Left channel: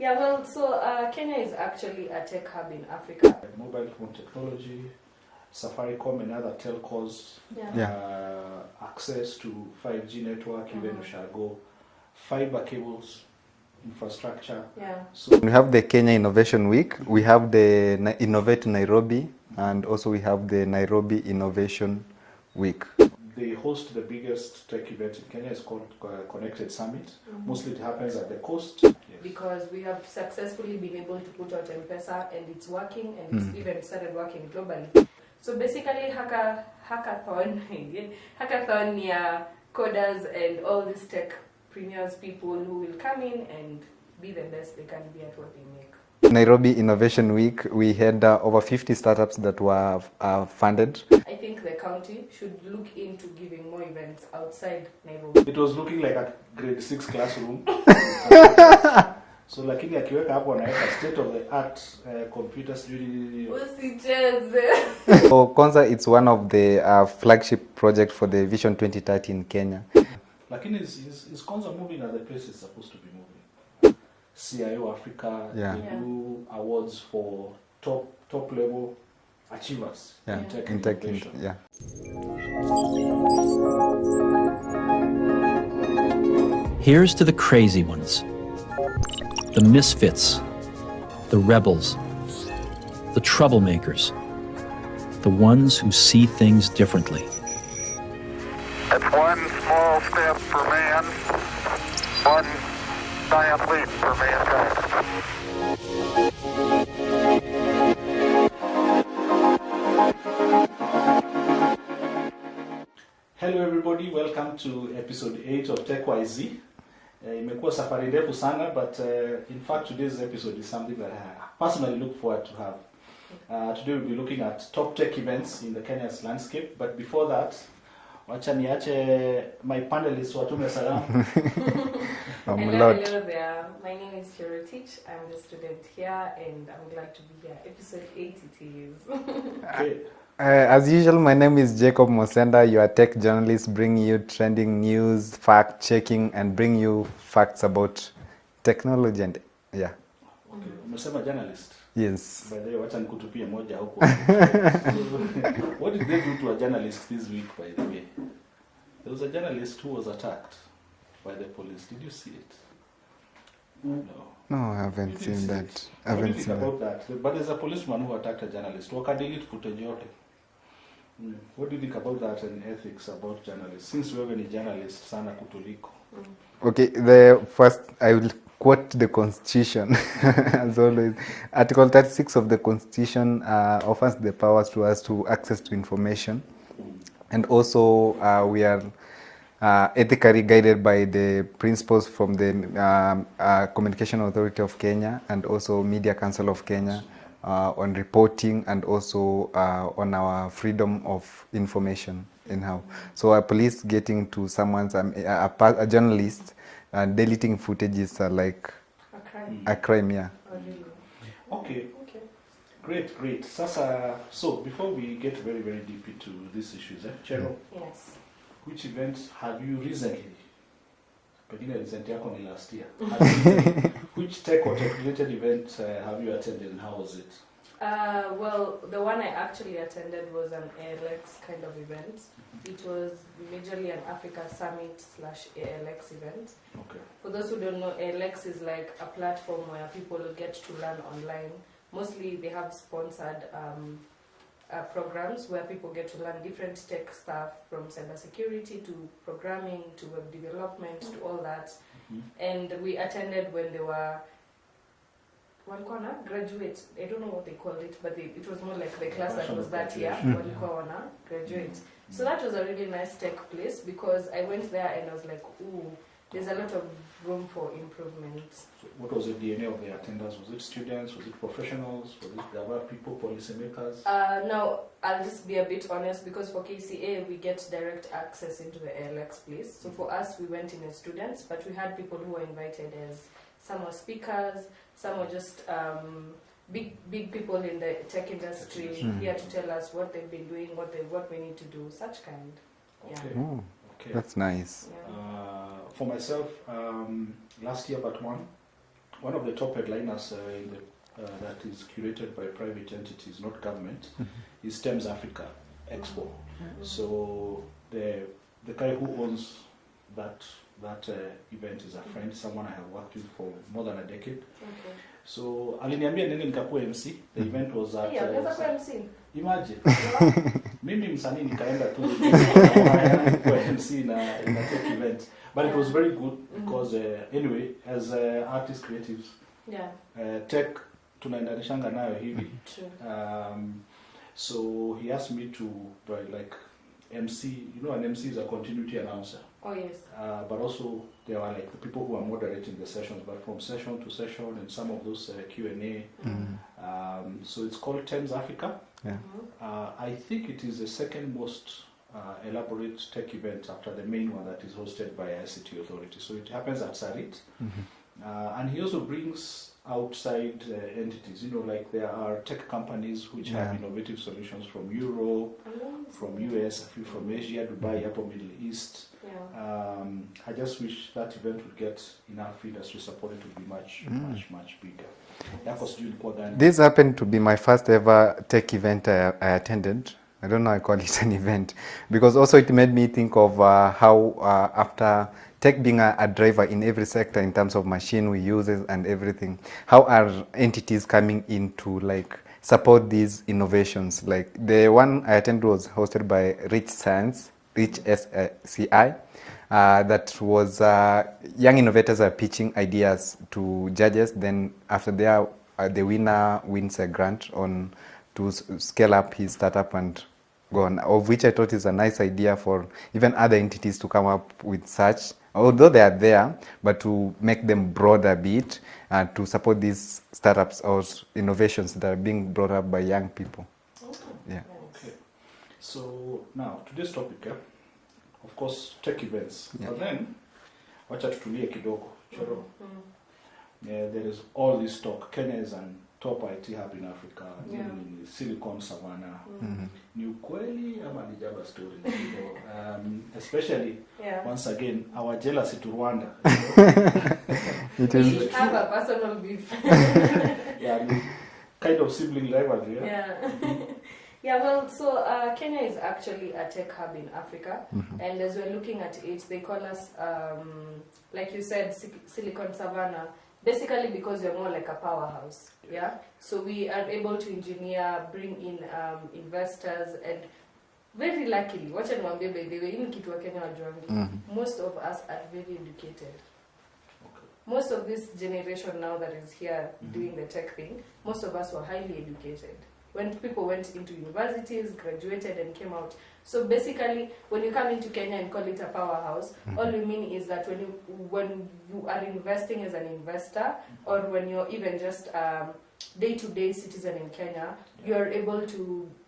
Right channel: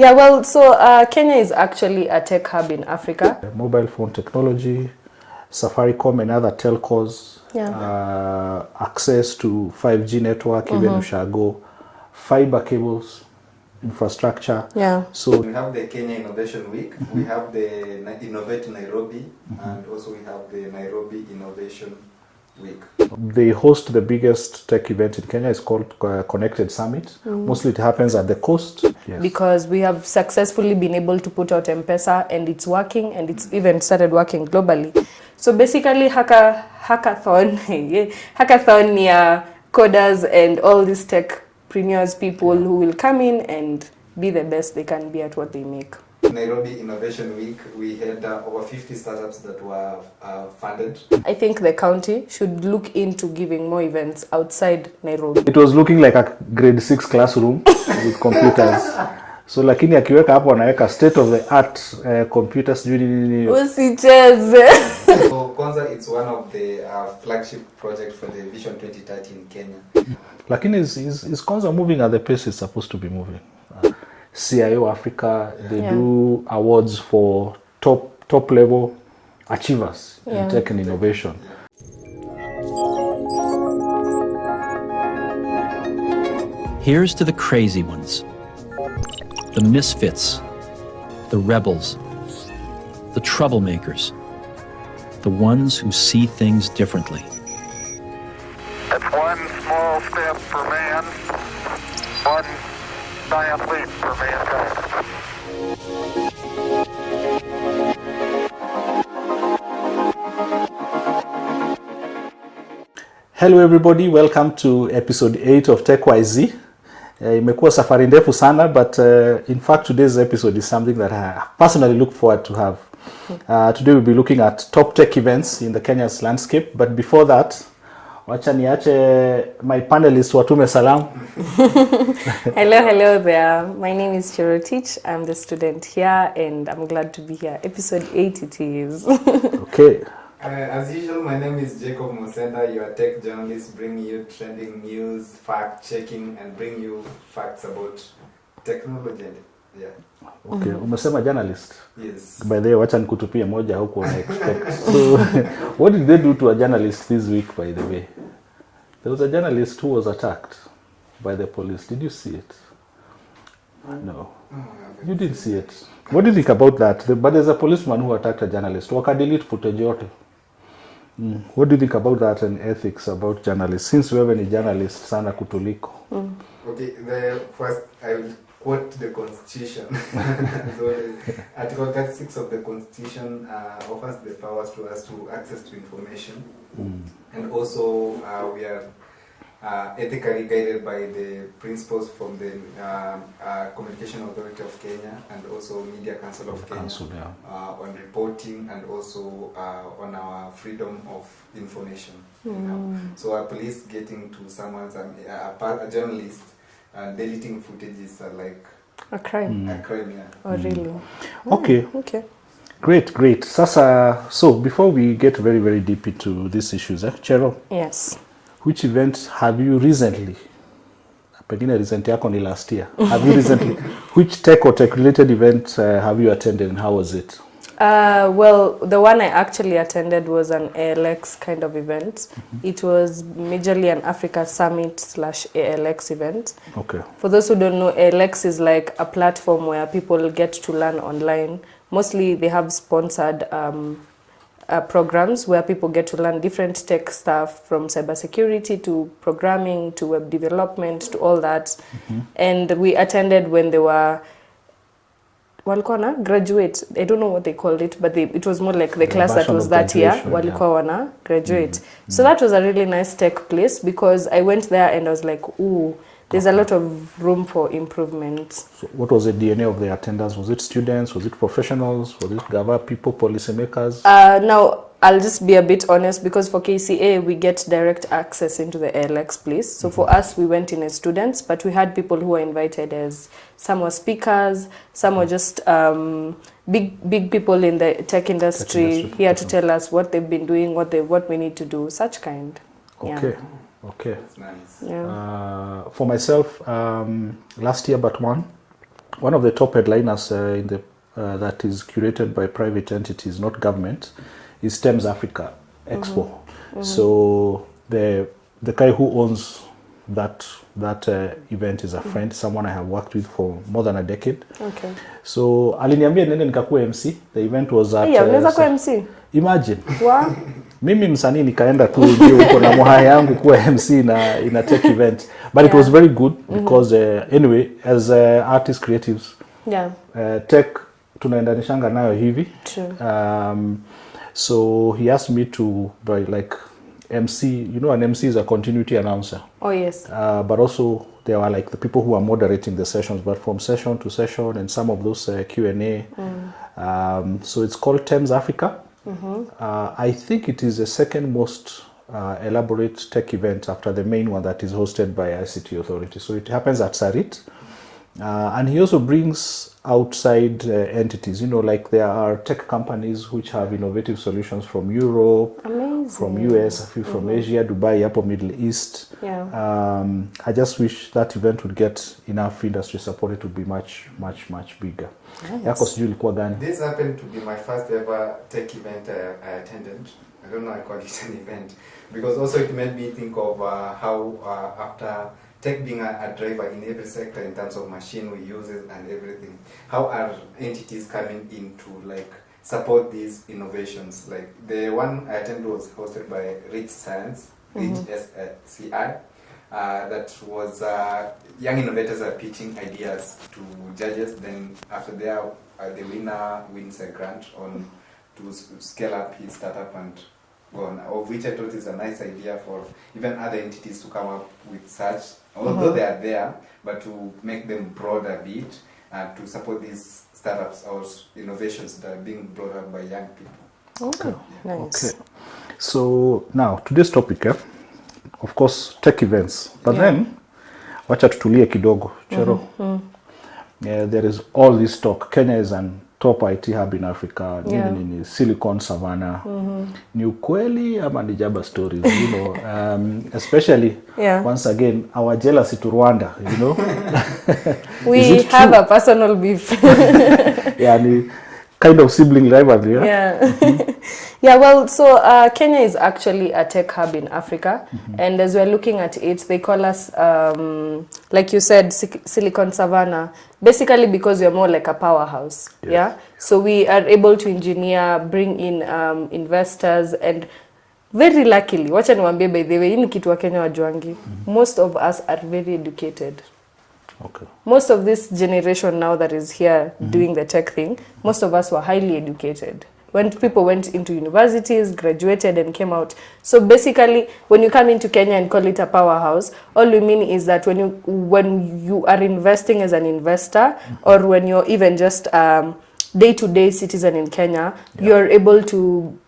Yeah, well, so Kenya is actually a tech hub in Africa. Mobile phone technology, Safaricom and other telcos, access to 5G network, even Ushago, fiber cables, infrastructure. Yeah. So we have the Kenya Innovation Week, we have the Innovate Nairobi, and also we have the Nairobi Innovation Week. They host the biggest tech event in Kenya. It's called Connected Summit. Mostly it happens at the coast. Yes. Because we have successfully been able to put out M-Pesa and it's working, and it's even started working globally. So basically hackathon, hackathon yeah, coders and all these techpreneurs, people who will come in and be the best they can be at what they make. Nairobi Innovation Week, we had over 50 startups that were funded. I think the county should look into giving more events outside Nairobi. It was looking like a grade 6 classroom with computers. So lakini akiweka hapo anaweka state of the art computers. Usicheze. So Kwanza, it's one of the flagship project for the Vision 2030 in Kenya. Lakini is Kwanza moving at the pace it's supposed to be moving? CIO Africa, they do awards for top level achievers in tech and innovation. Yeah. Here's to the crazy ones, the misfits, the rebels, the troublemakers, the ones who see things differently. It's one small step for man, one giant leap for mankind. Hello everybody, welcome to episode 8 of TechYZ. Imekuwa safari ndefu sana, but in fact today's episode is something that I personally look forward to have. Today we'll be looking at top tech events in the Kenya's landscape, but before that, wacha niache my panelists watume salam. Hello there. My name is Chirotich. I'm the student here and I'm glad to be here. Episode 8 it is. Okay. As usual, my name is Jacob Mosenda, your tech journalist, bringing you trending news, fact-checking, and bring you facts about technology and Okay, umesema journalist. Yes. By the way, wacha nikutupie moja huko. So, what did they do to a journalist this week, by the way? There was a journalist who was attacked by the police. Did you see it? No. No, I haven't. You didn't see seen it. What do you think about that? But there's a policeman who attacked a journalist. Wakadelete footage yote. What do you think about that and ethics about journalists? Since wewe ni journalist sana kutuliko. Okay, the first I will quote the Constitution. So Article 36 of the Constitution offers the powers to us to access to information, and also we are ethically guided by the principles from the Communication Authority of Kenya and also Media Council of Kenya on reporting and also on our freedom of information. So a police getting to someone's a journalist deleting footage is like A crime. a crime, yeah. Oh, really? Okay. Okay. Great. Sasa, so before we get very, very deep into these issues, Cheryl, Yes. which events have you recently, pengine recent yako ni last year, have you recently, which tech or tech related event have you attended and how was it? Well, the one I actually attended was an ALX kind of event. It was majorly an Africa Summit / ALX event. Okay. For those who don't know, ALX is like a platform where people get to learn online. Mostly they have sponsored programs where people get to learn different tech stuff, from cybersecurity to programming to web development to all that. And we attended when they were walikuwa na graduate. I don't know what they called it, but it was more like the class that was that year walikuwa wana graduate. So that was a really nice tech place because I went there and I was like, ooh, there's a lot of room for improvement. So what was the DNA of the attendance? Was it students? Was it professionals? Was it Gava people, policymakers? Now, I'll just be a bit honest because for KCA, we get direct access into the ALX place. So for us, we went in as students, but we had people who were invited as, some were speakers, some were just big people in the tech industry here to tell us what they've been doing, what we need to do, such kind. Okay. Yeah. Okay. That's nice. Yeah. For myself, last year but one, one of the top headliners in the that is curated by private entities, not government, is Thames Africa Expo. So the guy who owns that event is a friend, someone I have worked with for more than a decade. Okay. So aliniambia nene nikakuwa MC. The event was at unaweza kuwa MC. Imagine. Wow. Mimi msanii nikaenda tu niko na moha yangu kuwa MC in a tech event. But it was very good because anyway, as artists, creatives, tech tunaendanishanga nayo hivi. True. So he asked me to by like MC, you know, an MC is a continuity announcer. Oh yes. But also there are like the people who are moderating the sessions, but from session to session, and some of those Q&A. So it's called Thames Africa. I think it is the second most elaborate tech event after the main one that is hosted by ICT Authority. So it happens at Sarit. And he also brings outside entities, you know, like there are tech companies which have innovative solutions from Europe, Amazing. from US, a few from Asia, Dubai, up Middle East. I just wish that event would get enough industry support. It would be much bigger. Yako sijui ilikuwa gani? This happened to be my first ever tech event I attended. I don't know I call it an event because also it made me think of how after tech being a driver in every sector in terms of machine we use and everything, how are entities coming in to like support these innovations? Like the one I attended was hosted by Rich Science, Rich SCI. That was young innovators are pitching ideas to judges. Then after there, the winner wins a grant on to scale up his startup and go on. Of which I thought is a nice idea for even other entities to come up with such. Although they are there, but to make them broad a bit to support these startups or innovations that are being brought up by young people. Okay, Yeah. nice. Okay. So now today's topic, of course, tech events. But then, wacha tutulie kidogo, Chero. There is all this talk. Kenya is an top IT hub in Africa. Nini, Silicon Savannah. Ni ukweli ama ni jaba stories, you know. Especially, once again, our jealousy to Rwanda, you know. We have a personal beef. Kind of sibling rivalry. Yeah, well, so Kenya is actually a tech hub in Africa, and as we're looking at it, they call us, like you said, Silicon Savannah, basically because we're more like a powerhouse, So we are able to engineer, bring in investors, and very luckily, wacha niwaambie by the way, hii ni kitu wa Kenya wajuangi, most of us are very educated. Okay. Most of this generation now that is here doing the tech thing, most of us were highly educated. When people went into universities, graduated and came out. So basically, when you come into Kenya and call it a powerhouse, all we mean is that when you are investing as an investor, or when you're even just day-to-day citizen in Kenya, you're able to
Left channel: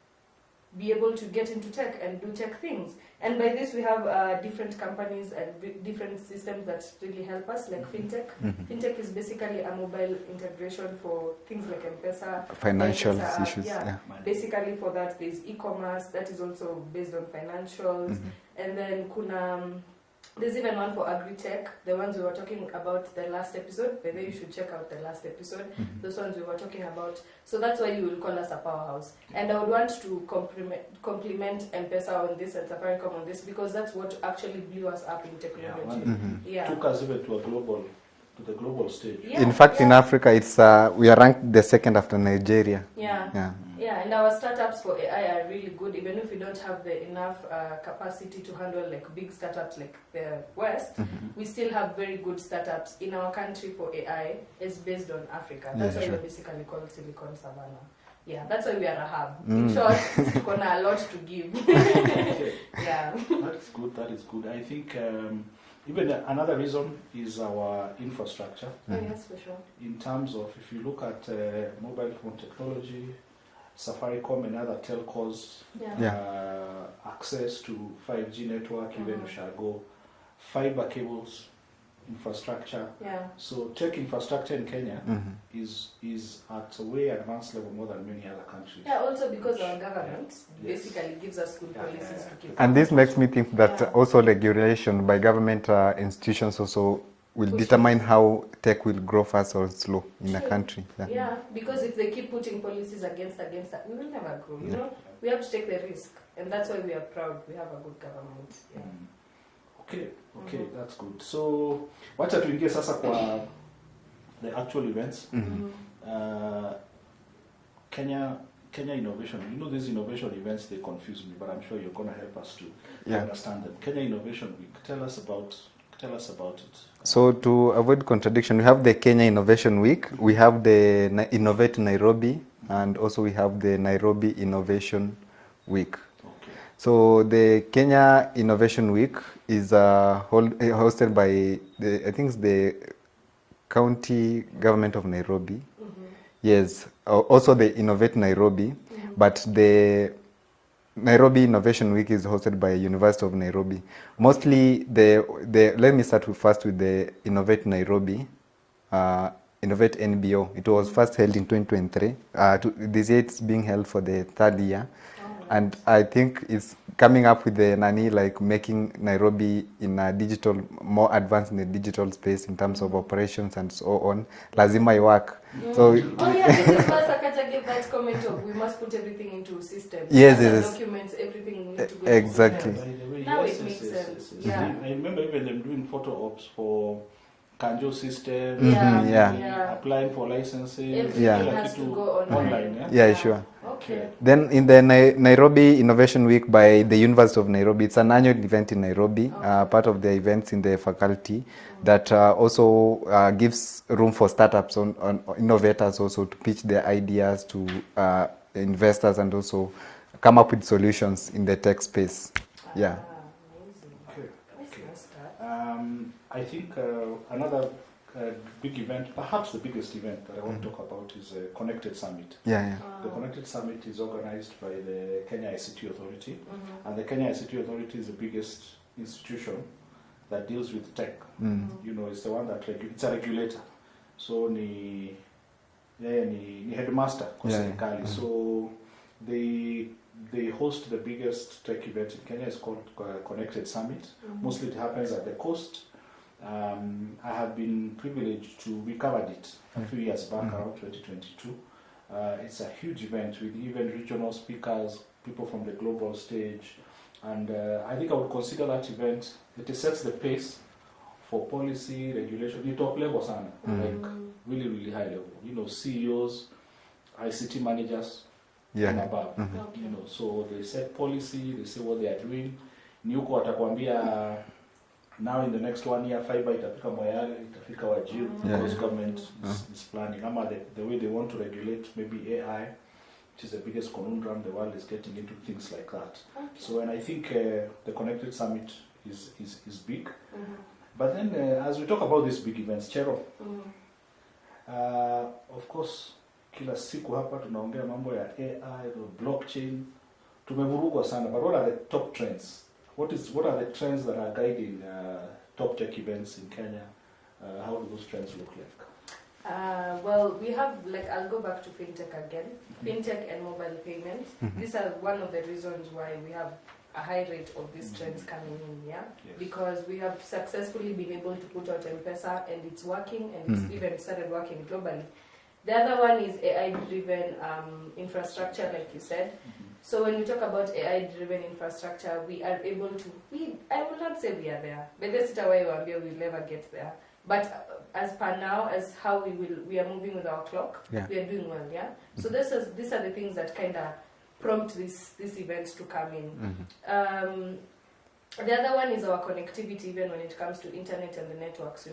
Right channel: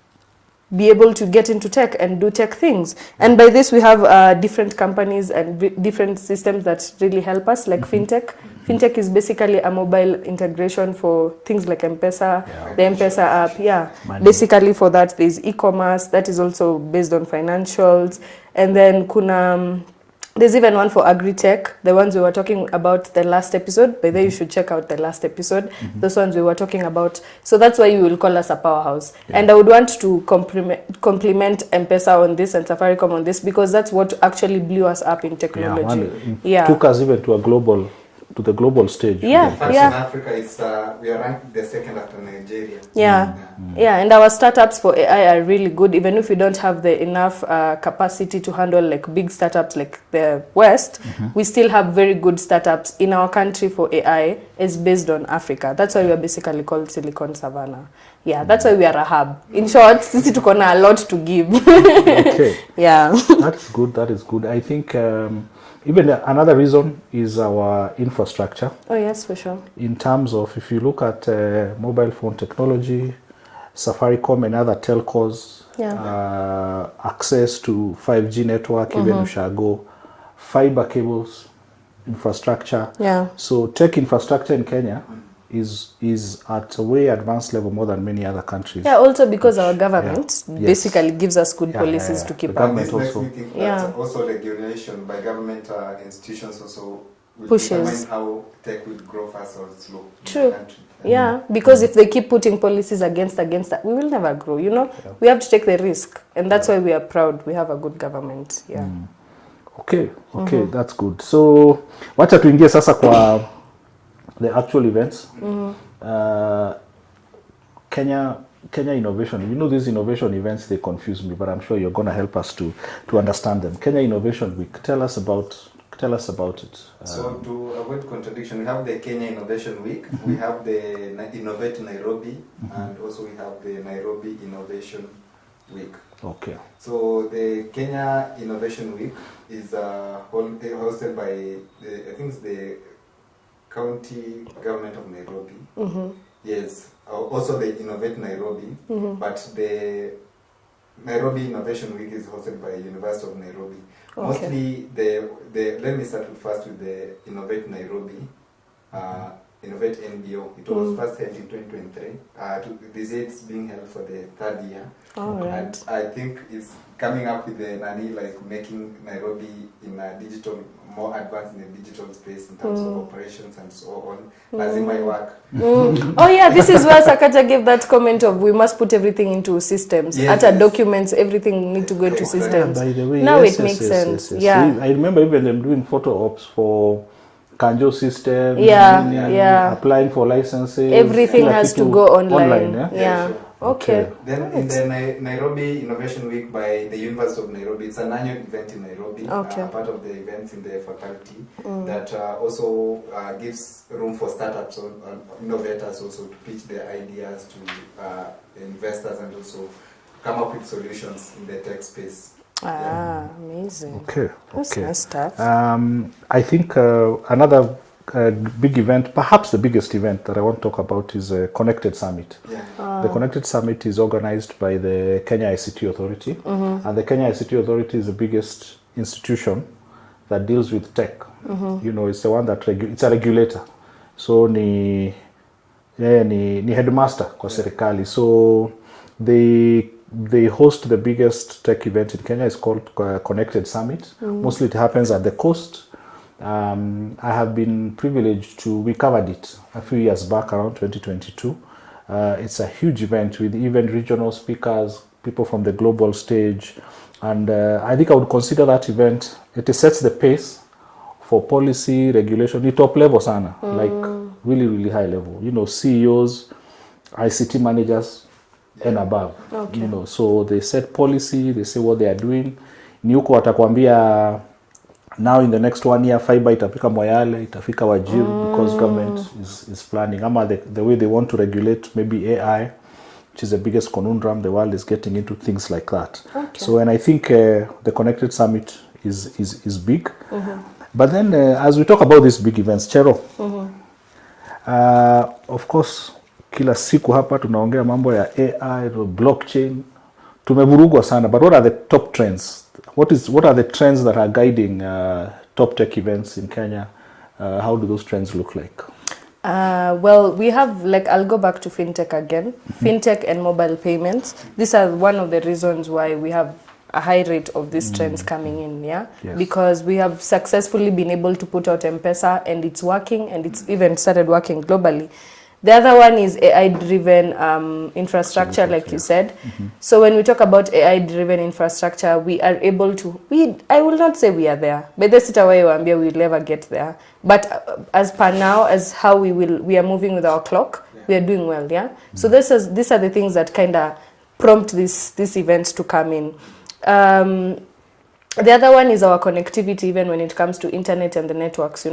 get into tech and do tech things. And by this, we have different companies and different systems that really help us, like fintech. Fintech is basically a mobile integration for things like M-Pesa, the M-Pesa app. Basically for that, there's e-commerce that is also based on financials. And then there's even one for agri-tech, the ones we were talking about the last episode. By the way, you should check out the last episode. Those ones we were talking about. So that's why you will call us a powerhouse. And I would want to compliment M-Pesa on this and Safaricom on this, because that's what actually blew us up in technology. Took us even to the global stage. In fact, in Africa, it's we are ranked the second after Nigeria. And our startups for AI are really good, even if we don't have the enough capacity to handle like big startups like the West. We still have very good startups in our country for AI. Is based on Africa. That's why we are basically called Silicon Savannah. That's why we are a hub. In short, sisi tuko na a lot to give. Okay. That is good. I think even another reason is our infrastructure. Oh yes, for sure. In terms of, if you look at mobile phone technology, Safaricom and other telcos, access to 5G network, even Ushago, fiber cables, infrastructure. So tech infrastructure in Kenya is at a way advanced level more than many other countries. Also because our government basically gives us good policies to keep up. And this makes me think that also regulation by government institutions also will Pushes. determine how tech will grow fast or slow in the country. Yeah, because if they keep putting policies against that, we will never grow, you know. We have to take the risk, and that's why we are proud we have a good government. Yeah. Okay, that's good. So wacha tuingie sasa kwa the actual events. Kenya Innovation. You know, these innovation events, they confuse me, but I'm sure you're going to help us to understand them. Kenya Innovation Week. Tell us about it. So to avoid contradiction, we have the Kenya Innovation Week, we have the Innovate Nairobi, and also we have the Nairobi Innovation Week. Okay. So the Kenya Innovation Week is hosted by I think it's the county government of Nairobi. Yes, also the Innovate Nairobi, but the Nairobi Innovation Week is hosted by University of Nairobi. Okay. Mostly let me start first with the Innovate Nairobi, Innovate NBO. It was first held in 2023. This year it's being held for the third year. Right. And I think it's coming up with the making Nairobi in a more advanced in the digital space in terms of operations and so on. Lazima iwak. So this is where Sakaja gave that comment of we must put everything into systems. Documents, everything need to go into systems. By the way, now it makes sense. Yes. Yeah. I remember even them doing photo ops for Kanjo system. Applying for licenses. Everything has to go online. Yeah, sure. Okay. Then in the Nairobi Innovation Week by the University of Nairobi, it's an annual event in Nairobi, part of the events in the faculty that also gives room for startups, on innovators also to pitch their ideas to investors and also come up with solutions in the tech space. Amazing. Okay. That's nice stuff. I think another big event, perhaps the biggest event that I want to talk about is Connected Summit. The Connected Summit is organized by the Kenya ICT Authority, and the Kenya ICT Authority is the biggest institution that deals with tech. You know, it's the one that it's a regulator. So ni headmaster kwa serikali. So they host the biggest tech event in Kenya. It's called Connected Summit. Mostly it happens at the coast. I have been privileged we covered it a few years back around 2022. It's a huge event with even regional speakers, people from the global stage. And I think I would consider that event, it sets the pace for policy, regulation, the top level sana, like really, really high level. You know, CEOs, ICT managers, and above. You know, so they set policy, they say what they are doing. Ni huko watakwambia now in the next 1 year fiber itafika Moyale, itafika Wajir, because government is planning. Ama the way they want to regulate maybe AI, which is the biggest conundrum the world is getting into, things like that. So and I think the Connected Summit is big. But then as we talk about these big events, Chero, of course kila siku hapa tunaongea mambo ya AI, blockchain, tumevurugwa sana, but what are the top trends? What are the trends that are guiding top tech events in Kenya? How do those trends look like? Well, we have, I'll go back to fintech again. Fintech and mobile payments. These are one of the reasons why we have a high rate of these trends coming in, Yes. Because we have successfully been able to put out M-Pesa and it's working, and it's even started working globally. The other one is AI-driven infrastructure, like you said. So when we talk about AI-driven infrastructure, we are able to, I will not say we are there, but that's way we'll never get there. But as per now, as how we are moving with our clock, we are doing well, So these are the things that kind of prompt these events to come in. The other one is our connectivity, even when it comes to internet and the networks,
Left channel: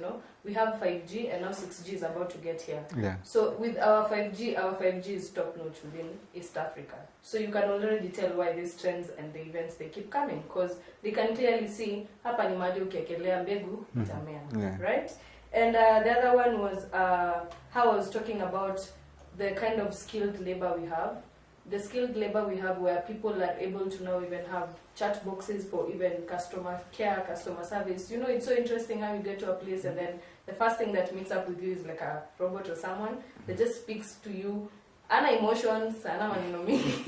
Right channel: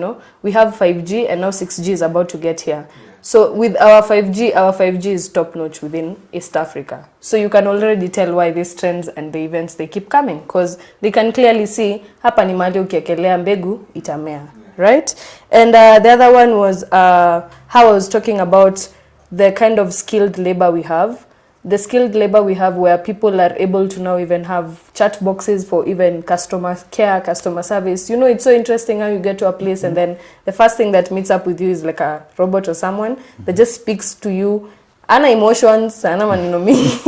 We have 5G and now 6G is about to get here. So with our 5G is top notch within East Africa. So you can already tell why these trends and the events, they keep coming, because they can clearly see, hapa ni mahali ukiekelea mbegu itamea, right? And the other one was how I was talking about the kind of skilled labor we have. The skilled labor we have, where people are able to now even have chat boxes for even customer care, customer service. It's so interesting how you get to a place and then the first thing that meets up with you is like a robot or someone that just speaks to you ana emotions, ana maneno mingi.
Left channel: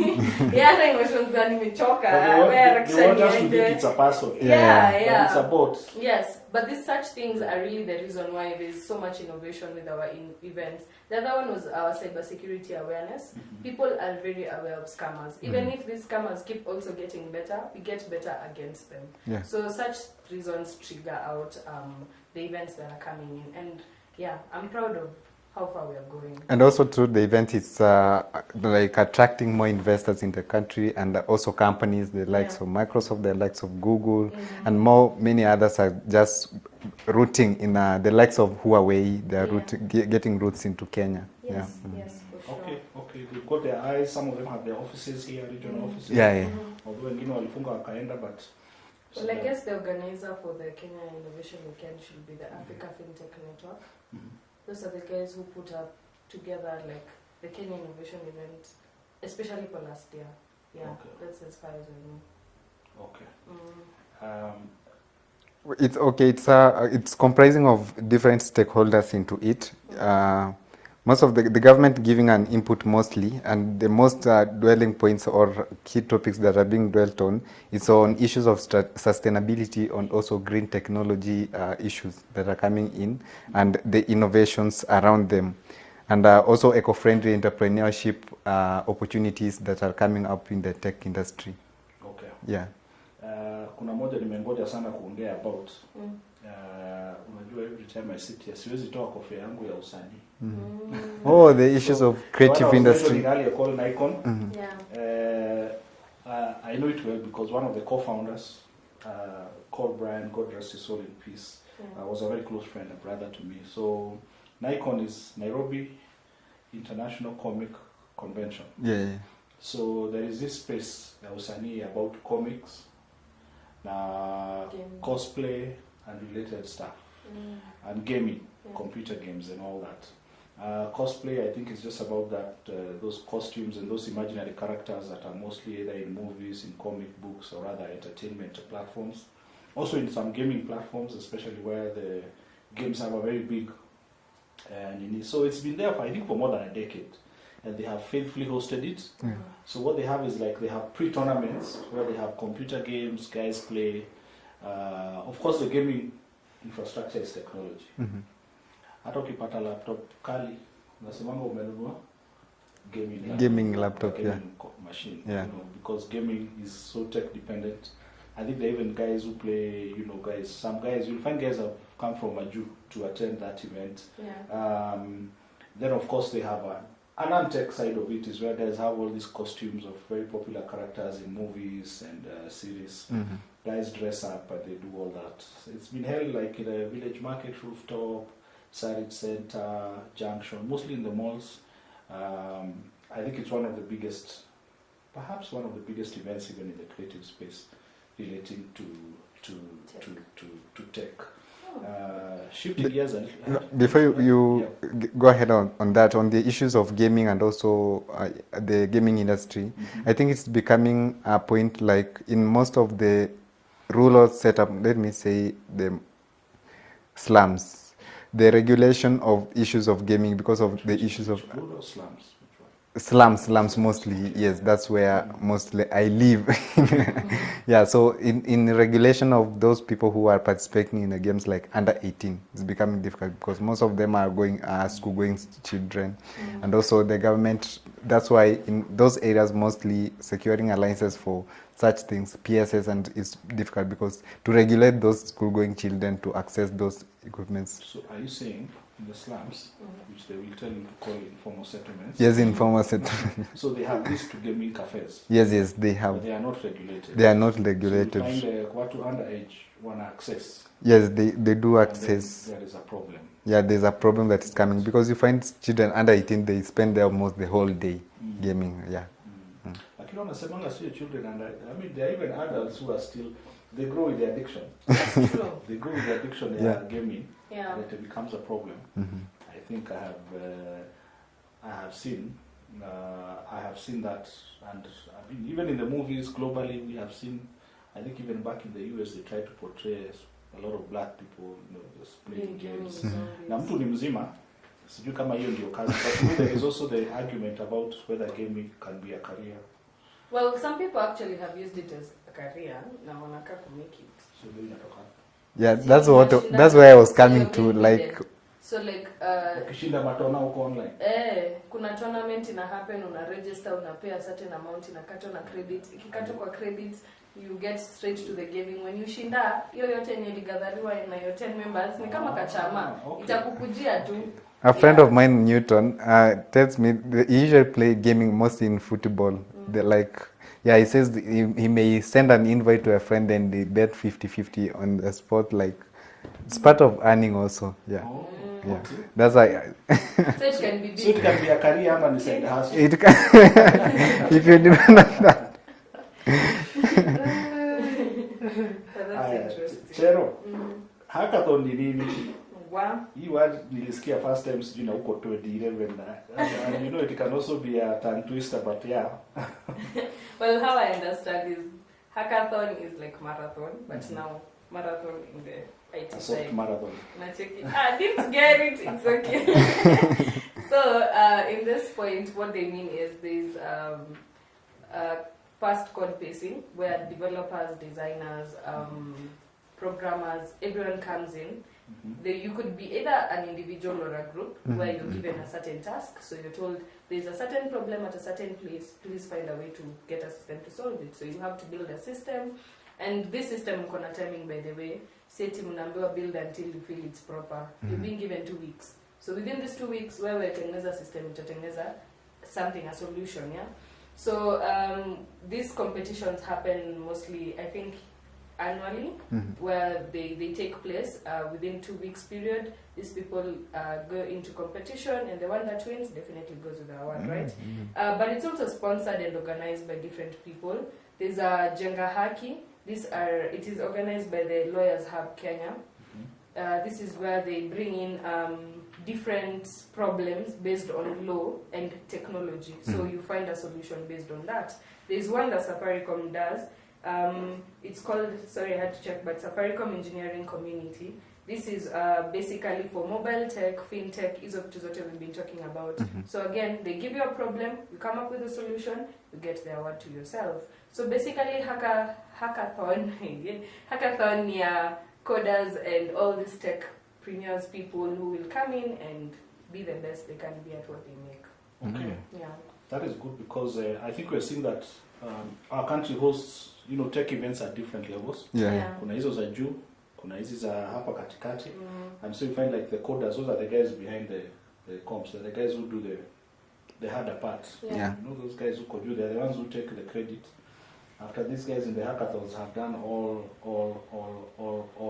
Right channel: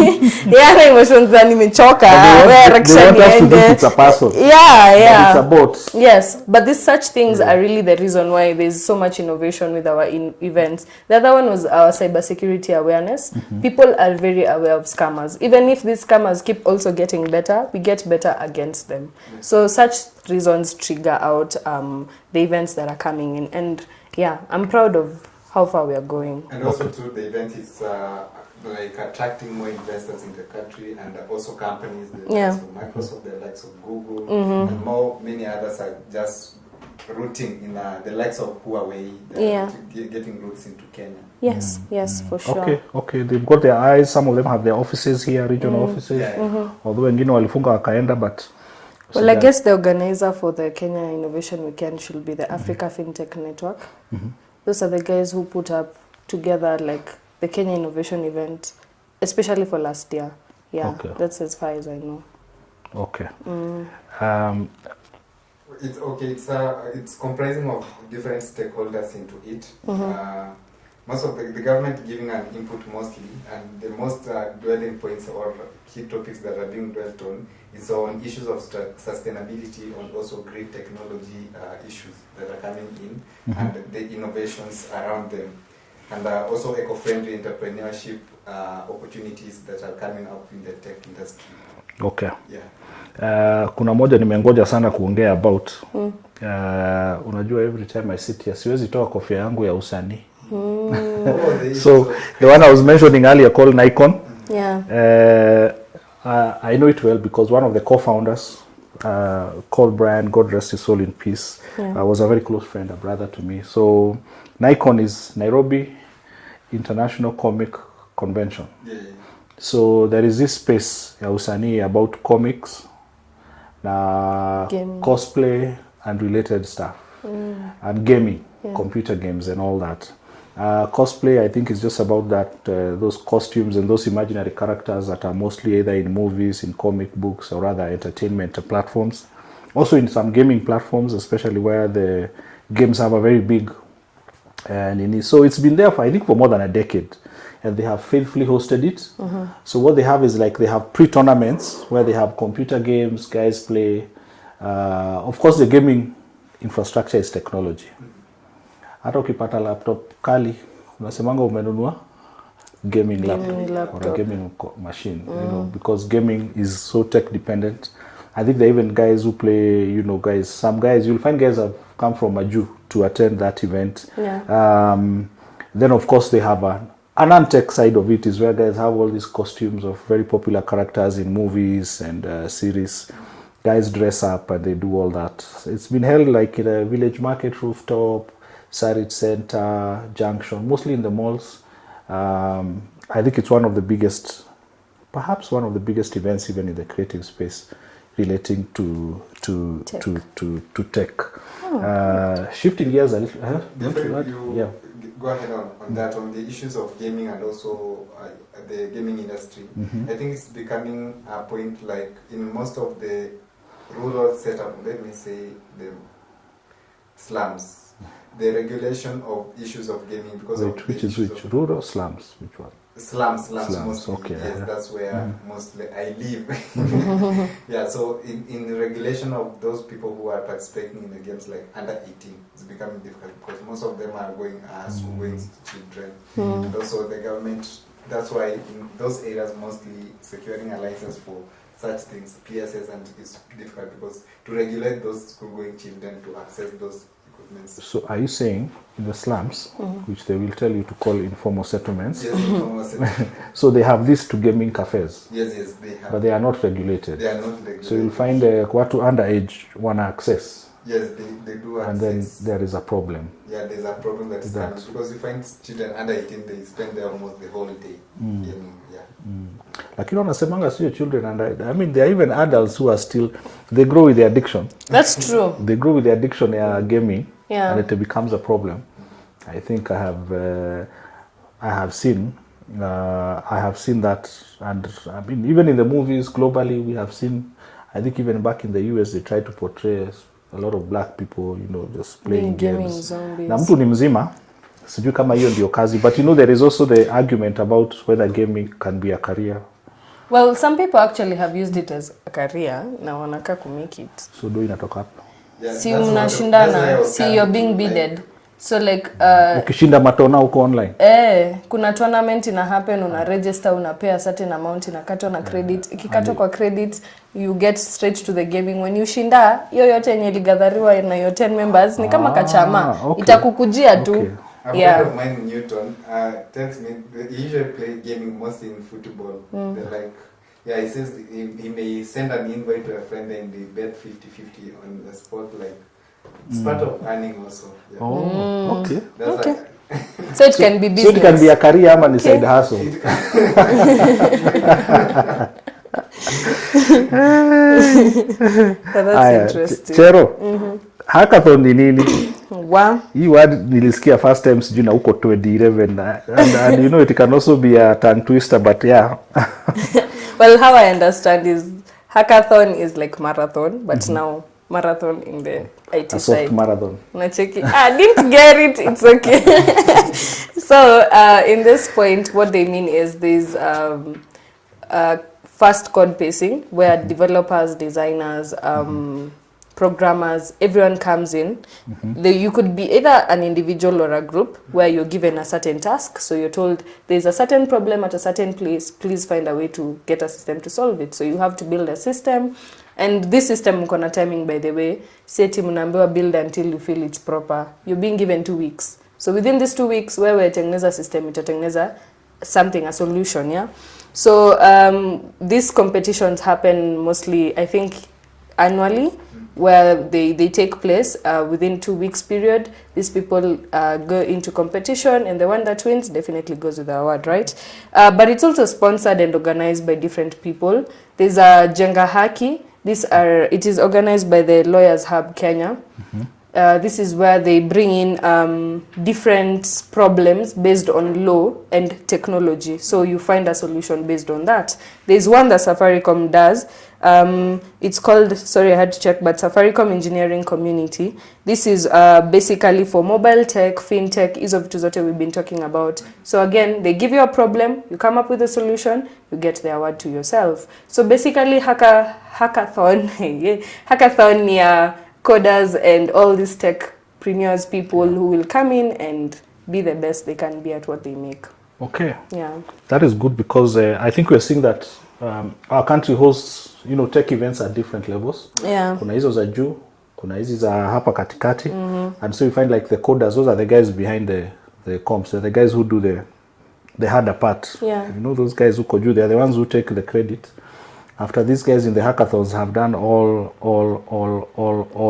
Ana emotions za nimechoka. They want us to think it's a person. Yeah. It's a bot. Yes, but these such things are really the reason why there's so much innovation with our events. The other one was our cybersecurity awareness. People are very aware of scammers. Even if these scammers keep also getting better, we get better against them. Yeah. So such reasons trigger out the events that are coming in. And yeah, I'm proud of how far we are going. And also too, the event is like attracting more investors in the country, and also companies, the likes of Microsoft, the likes of Google, and many others are just rooting in the likes of Huawei. They're getting roots into Kenya. Yes, yes, for sure. Okay, they've got their eyes. Some of them have their offices here, regional offices. Although wengine walifunga wakaenda, but well, I guess the organizer for the Kenya Innovation Weekend should be the Africa FinTech Network. Those are the guys who put up together like the Kenya Innovation event, especially for last year. Yeah, that's as far as I know. Okay. It's okay. It's comprising of different stakeholders into it. Most of the government giving an input mostly, and the most dwelling points or key topics that are being dwelt on is on issues of sustainability, on also green technology issues that are coming in, and the innovations around them, and also eco-friendly entrepreneurship opportunities that are coming up in the tech industry. Okay. Yeah. Kuna moja nimengoja sana kuongea about. Unajua every time I sit here siwezi toa kofia yangu ya usanii. The issues so of the one I was mentioning earlier called Nikon. I know it well because one of the co-founders called Brian, God rest his soul in peace, was a very close friend, a brother to me. So Nikon is Nairobi International Comic Convention. So there is this space ya usanii about comics na cosplay and related stuff, and gaming, computer games and all that. Cosplay, I think, is just about that, those costumes and those imaginary characters that are mostly either in movies, in comic books, or other entertainment platforms. Also in some gaming platforms, especially where the games have a very big so it's been there for, I think, for more than a decade, and they have faithfully hosted it. So what they have is like they have pre-tournaments where they have computer games, guys play. Of course, the gaming infrastructure is technology. Hata ukipata laptop kali unasemanga umenunua gaming laptop or a gaming machine, you know, because gaming is so tech dependent. I think there are even guys who play, you know, some guys, you'll find guys have come from Maju to attend that event. Then of course they have an non-tech side of it, is where guys have all these costumes of very popular characters in movies and series. Guys dress up and they do all that. It's been held like in a village market rooftop, Sarit Center, Junction, mostly in the malls. I think it's one of the biggest, perhaps one of the biggest events even in the creative space relating to tech. Shifting gears a little. Before you go ahead on that, on the issues of gaming and also the gaming industry, I think it's becoming a point like in most of the rural setup, let me say the slums, the regulation of issues of gaming because of the issues of rural slums. Which one? Slums mostly. Okay, yes, that's where mostly I live. So in regulation of those people who are participating in the games like under 18, it's becoming difficult because most of them are going school going children, and also the government. That's why in those areas mostly securing alliances for such things, PSS, and it's difficult because to regulate those school going children to access those equipments. So are you saying in the slums, which they will tell you to call informal settlements? Yes, informal settlements. So they have these to gaming cafes? Yes, they have. But they are not regulated? They are not regulated. So you find watu underage want access? Yes, they do access. And then there is a problem. Yeah, there's a problem that is coming because you find children under 18, they spend there almost the whole day gaming. Lakini wanasemanga sio children under, I mean, there are even adults who are still, they grow with the addiction. That's true. They grow with the addiction gaming, and it becomes a problem. I think I have seen that, and I mean, even in the movies globally, we have seen, I think even back in the US, they try to portray a lot of black people, you know, just playing games. Zombies. Na mtu ni mzima, sijui kama hiyo ndio kazi, but you know there is also the argument about whether gaming can be a career. Well, some people actually have used it as a career na wanaka ku make it. So do inatoka hapo. Yeah, Si that's unashindana, why I was si coming you're being to, bidded. like, So like Ukishinda matona huko online. kuna tournament ina happen, una register, unapay a certain amount, inakatwa na credit. Ikikatwa kwa credit, you get straight to the gaming. When you shinda, hiyo yote yenye iligathariwa na your 10 members ni kama kachama. Okay. Itakukujia tu. Okay. A friend of mine, Newton, tells me he usually play gaming mostly in football. He says he may send an invite to a friend and they bet 50-50 on the spot. Like, it's part of earning also. Yeah. Oh, okay. That's Okay. like. So it can be business. So it can be a career ama ni side hustle. It can. If you do So that's Aya, interesting. Chero. Hackathon ni nini? Wow. Hii word nilisikia first time sijui na huko 2011 and you know it can also be a tongue twister, but yeah. Well, how I understand is hackathon is like marathon, but now marathon in the IT A soft side. marathon. Unacheki. I didn't get it. It's okay. So in this point, what they mean is there's fast code pacing where developers, designers, programmers, everyone comes in. You could be either an individual or a group where you're given a certain task. So you're told there's a certain problem at a certain place. Please find a way to get a system to solve it. So you have to build a system. And this system mko na timing, by the way. Seti mnaambiwa build until you feel it's proper. You're being given 2 weeks. So within these 2 weeks, wewe tengeneza system, itatengeneza something, a solution, yeah? So these competitions happen mostly, I think, annually, where they take place within 2 weeks period. These people go into competition, and the one that wins definitely goes with the award, right? But it's also sponsored and organized by different people. There's a Jenga Haki. It is organized by the Lawyers Hub Kenya. This is where they bring in different problems based on law and technology. So you find a solution based on that. There's one that Safaricom does. It's called, sorry, I had to check, but Safaricom Engineering Community. This is basically for mobile tech, fintech, hizo vitu zote we've been talking about. So again, they give you a problem, you come up with a solution, you get the award to yourself. So basically, hackathon, hackathon ni coders and all these techpreneurs, people who will come in and be the best they can be at what they make. Okay. Yeah. That is good because I think we're seeing that our country hosts, you know, tech events at different levels. Yeah. Kuna hizo za juu, kuna hizi za hapa katikati. And so you find like the coders, those are the guys behind the comps, they're the guys who do the harder part. Yeah. You know, those guys who code you, they're the ones who take the credit. After these guys in the hackathons have done all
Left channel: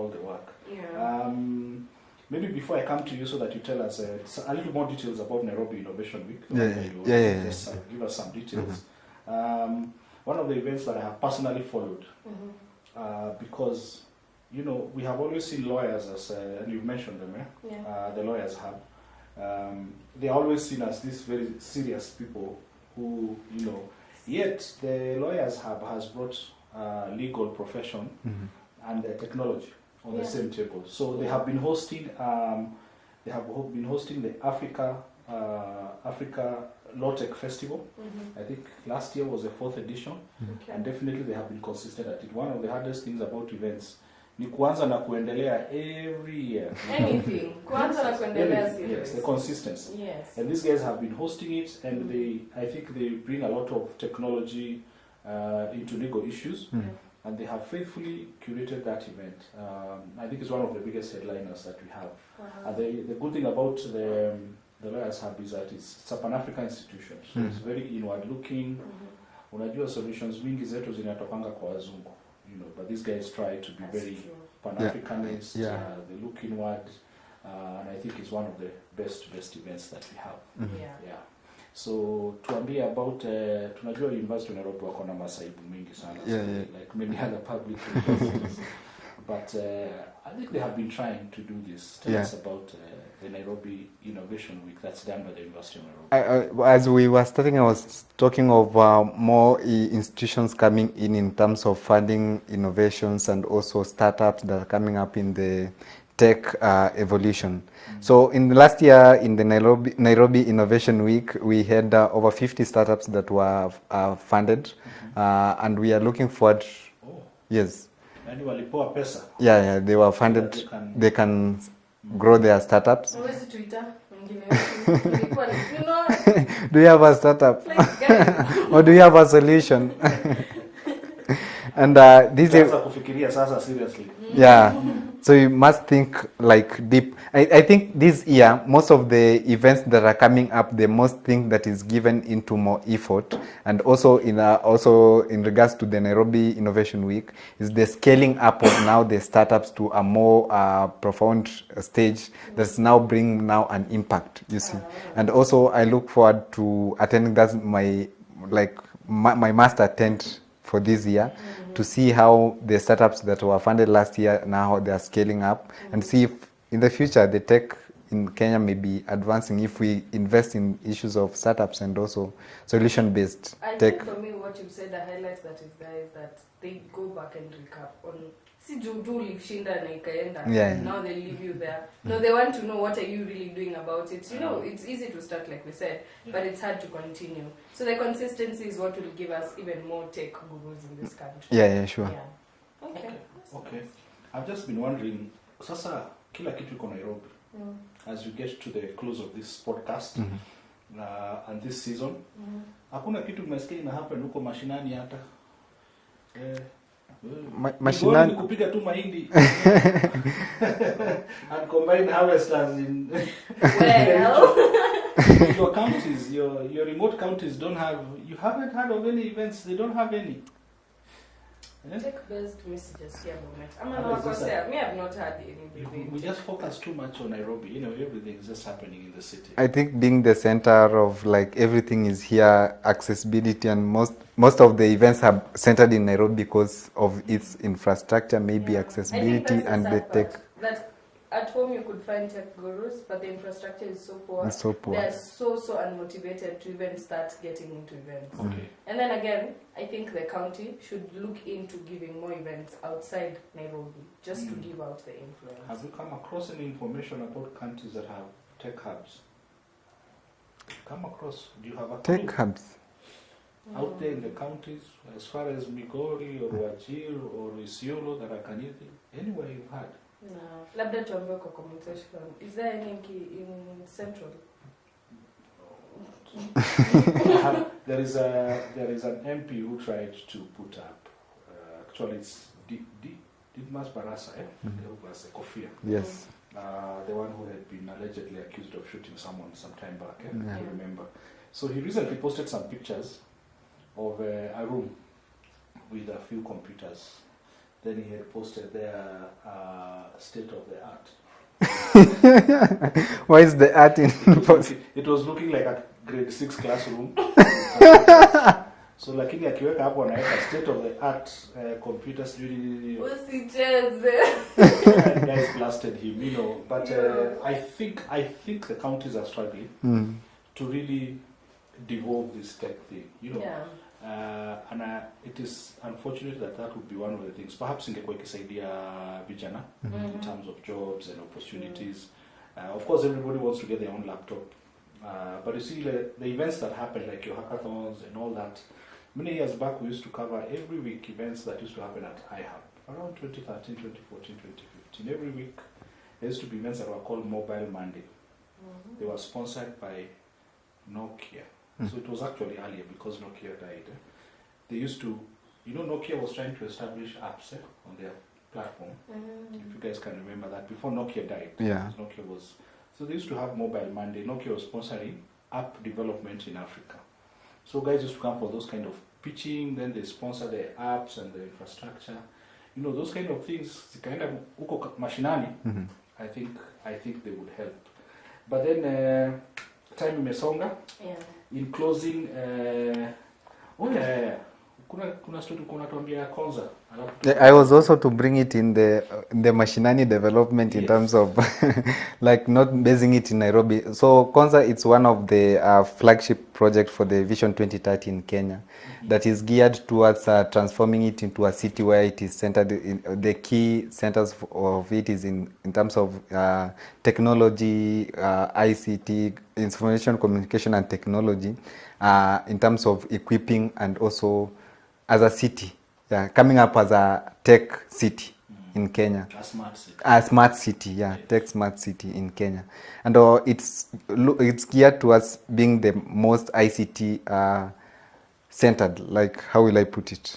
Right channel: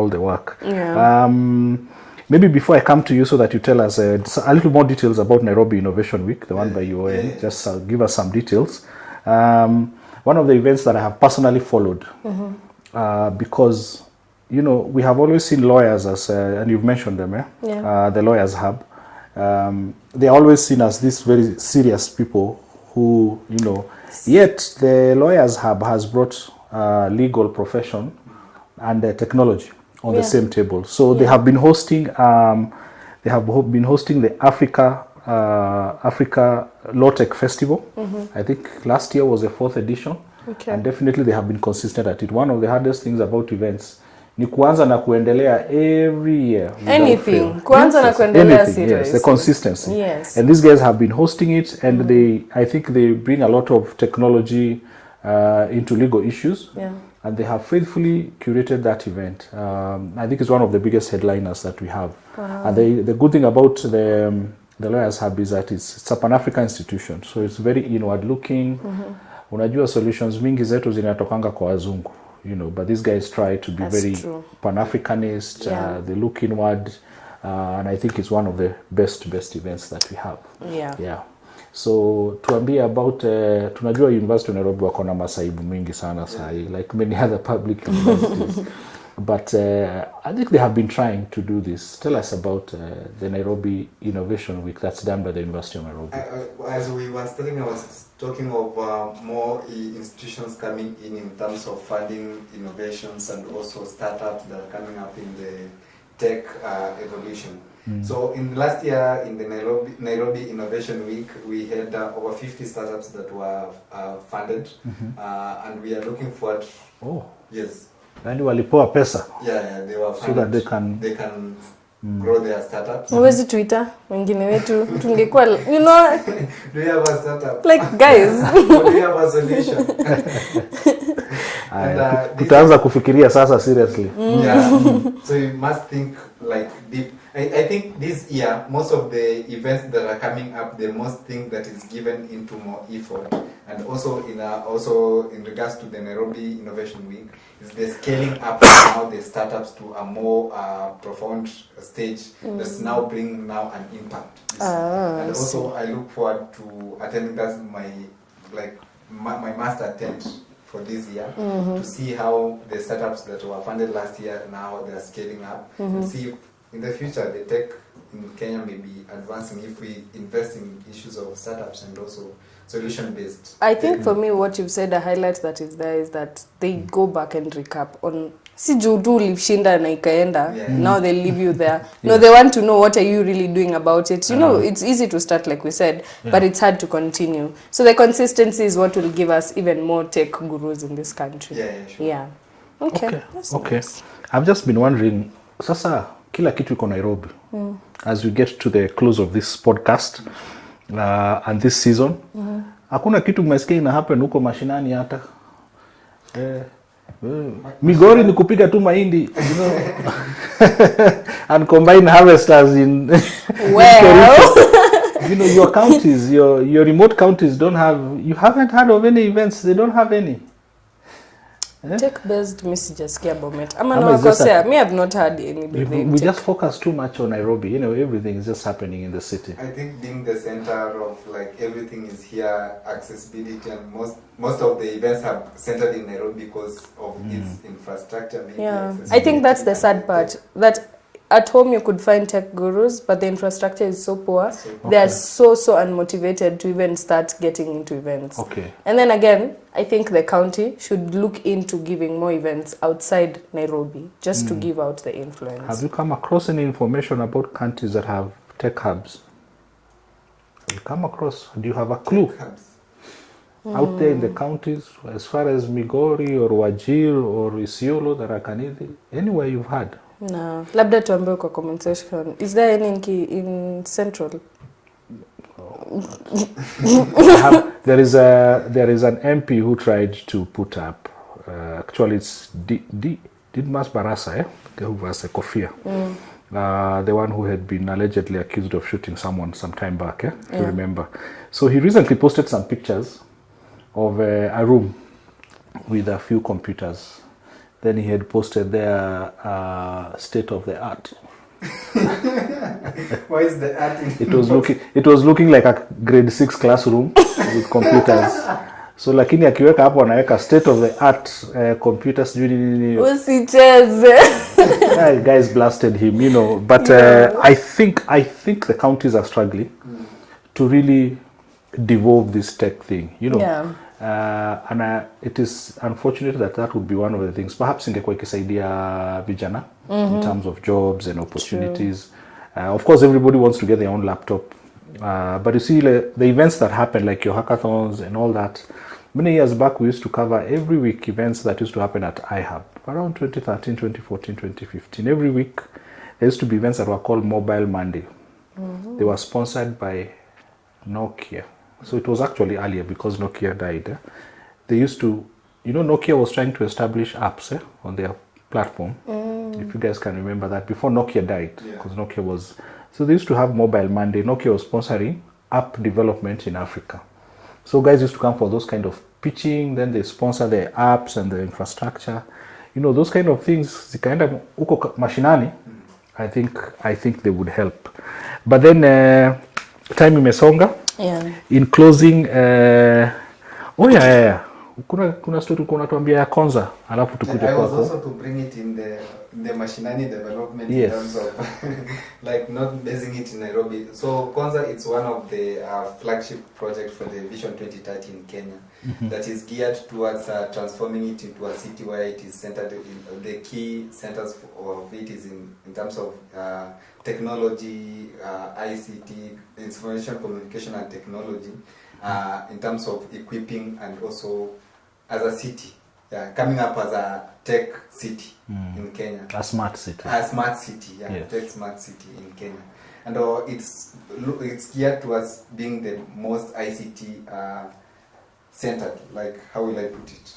the work. Yeah. Maybe before I come to you so that you tell us a little more details about Nairobi Innovation Week, the one that you were in, just give us some details. One of the events that I have personally followed, because, you know, we have always seen lawyers as, and you've mentioned them, the Lawyers Hub. They're always seen as these very serious people who, you know, yet the Lawyers Hub has brought legal profession and technology on the same table. So they have been hosting, the Africa Law Tech Festival. I think last year was the 4th edition. Okay. And definitely they have been consistent at it. One of the hardest things about events ni kuanza na kuendelea every year. Anything. Kuanza na kuendelea Anything, serious. yes, the consistency. Yes. And these guys have been hosting it, and I think they bring a lot of technology into legal issues. Yeah. And they have faithfully curated that event. I think it's one of the biggest headliners that we have. Wow. And the good thing about the Lawyers Hub is that it's a Pan-African institution, so it's very inward looking. Unajua solutions mingi zetu zinatokanga kwa wazungu, you know, but these guys try to be That's very true. Pan-Africanist. They look inward, and I think it's one of the best events that we have. Yeah. So tuambie about tunajua University of Nairobi wako na masaibu mingi sana like many other public universities. But I think they have been trying to do this. Tell us about the Nairobi Innovation Week that's done by the University of Nairobi. As we were starting, I was talking of more institutions coming in terms of funding innovations and also startups that are coming up in the tech evolution. So in the last year, in the Nairobi Innovation Week, we had over 50 startups that were funded, and we are looking forward. Oh, Yes. yani walipewa pesa. Yeah, they were funded. So that they can grow their startups. Huwezi Twitter wengine wetu tungekuwa, you know, Do you have a startup? like guys. Or do you have a solution? And this Utaanza kufikiria sasa seriously. Yeah. So you must think like deep. I think this year, most of the events that are coming up, the most thing that is given into more effort, and also in regards to the Nairobi Innovation Week, is the scaling up now the startups to a more profound stage that's now bringing now an impact. You see, and also I look forward to attending. That's my master tent for this year, to see how the startups that were funded last year, now they are scaling up, and see if in the future the tech in Kenya may be advancing if we invest in issues of startups and also solution-based. I think for me what you've said, a highlight that is there is that they go back and recap on si juu tu ulishinda na ikaenda, now they leave you there. No, they want to know what are you really doing about it. You know, it's easy to start like we said, but it's hard to continue. So the consistency is what will give us even more tech gurus in this country. Yeah, sure. Yeah. Okay. That's nice. I've just been wondering, sasa kila kitu iko Nairobi. As we get to the close of this podcast and this season, hakuna kitu mmesikia ina happen huko mashinani hata. Migori ni kupiga tu mahindi, you know, and combine harvesters in Well, your counties, your remote counties don't have, you haven't heard of any events, they don't have any. tech-based messages kia Bomet. Ama Ama it's just nawakosea, me have not heard any We big just focus too much on Nairobi. You know, everything is just happening in the city. I think being the center of like everything is here, accessibility, and most of the events are centered in Nairobi because of its infrastructure, maybe accessibility. I think that's the and sad part. tech. That at home you could find tech gurus, but the infrastructure is so poor. It's so poor. They are so unmotivated to even start getting into events. Okay. And then again, I think the county should look into giving more events outside Nairobi, just to give out the influence. Have you come across any information about countries that have tech hubs? Have you come across? Do you have a clue? Tech hubs. Out there in the counties, as far as Migori or Wajir or Isiolo, Tharaka-Nithi, anywhere you've had? No. Labda tuambie kwa comment section. Is there any in Central? There is an MP who tried to put up. Actually, it's Didmas Barasa, who was a Kofia. The one who had been allegedly accused of shooting someone some time back. If you remember. So he recently posted some pictures of a room with a few computers. Then he had posted their state of the art. Why is the art in It was looking like a grade 6 classroom with computers. So lakini akiweka hapo anaweka state of the art computers. Usicheze. Guys blasted him, you know. But I think the counties are struggling to really devolve this tech thing, you know. Yeah. And it is unfortunate that would be one of the things. Perhaps ingekuwa ikisaidia vijana in terms of jobs and opportunities. Of course, everybody wants to get their own laptop. But you see, the events that happen, like your hackathons and all that, many years back, we used to cover every week events that used to happen at iHub. Around 2013, 2014, 2015. Every week, there used to be events that were called Mobile Monday. They were sponsored by Nokia. So it was actually earlier because Nokia died. They used to, you know, Nokia was trying to establish apps on their platform. If you guys can remember that, before Nokia died. Because Nokia was, so they used to have Mobile Monday. Nokia was sponsoring app development in Africa. So guys used to come for those kind of pitching, then they sponsor the apps and the infrastructure. You know, those kind of things, zikaenda uko mashinani, I think they would help. But then time imesonga. Yeah. In closing, kuna story kuna tuambia ya Konza, alafu tukuje. I was also to bring it in the mashinani development in terms of like not basing it in Nairobi. So Konza, it's one of the flagship project for the Vision 2030 in Kenya that is geared towards transforming it into a city where it is centered in the key centers of it is in terms of technology, ICT, information communication and technology, in terms of equipping and also as a city, coming up as a tech city in Kenya. A smart city. A smart city, Yes. tech smart city in Kenya. And it's geared towards being the most ICT centered, like, how will I put it?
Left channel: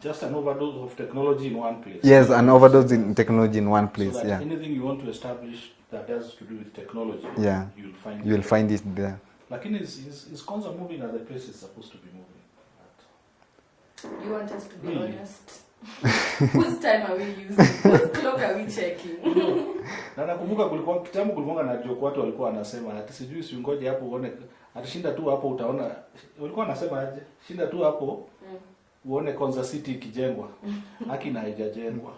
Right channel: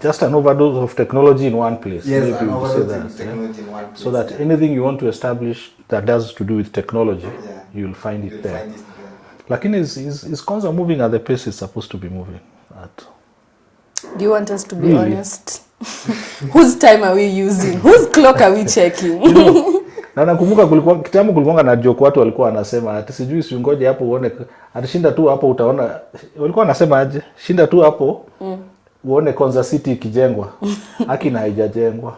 Just an overdose of technology in one place. Yes, Maybe an you overdose say in that, technology in one place. so that anything you want to establish that does to do with technology, you'll find it You'll there. find it there. Lakini is Konza moving at the pace it's supposed to be moving at? Do you want us to be Really? honest? Whose time are we using? Whose clock are we checking? Na nakumbuka kulikuwa na joke watu walikuwa wanasema ati sijui usingoje hapo uone atashinda tu hapo utaona, walikuwa wanasema aje, shinda tu hapo uone Konza City ikijengwa. Haki na haijajengwa.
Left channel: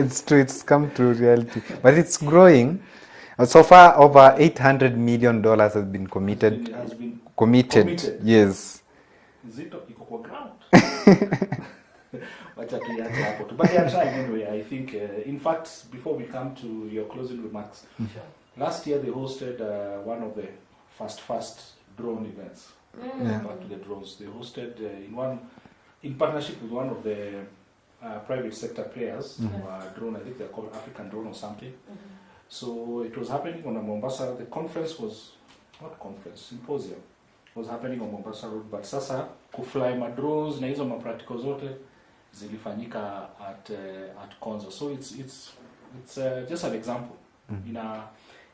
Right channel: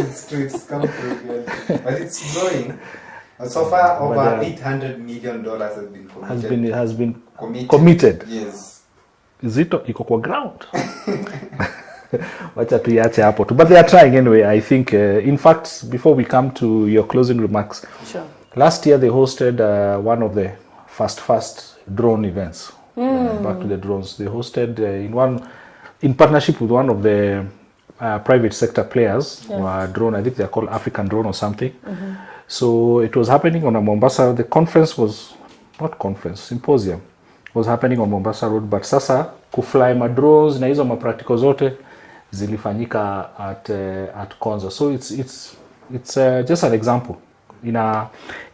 It's true, it's come to reality. But it's growing. So far, over $800 million has been committed. Has been committed. Yes. Zito iko kwa ground. Wacha tuiache hapo tu. But they are trying anyway, I think. In fact, before we come to your closing remarks, Sure. last year they hosted one of the fast drone events. Back to the drones. They hosted in partnership with one of the private sector players, drone. I think they're called African Drone or something. So it was happening on a Mombasa. The conference was symposium was happening on Mombasa Road. But sasa kufly ma drones na hizo ma practical zote zilifanyika at Konza. So it's just an example.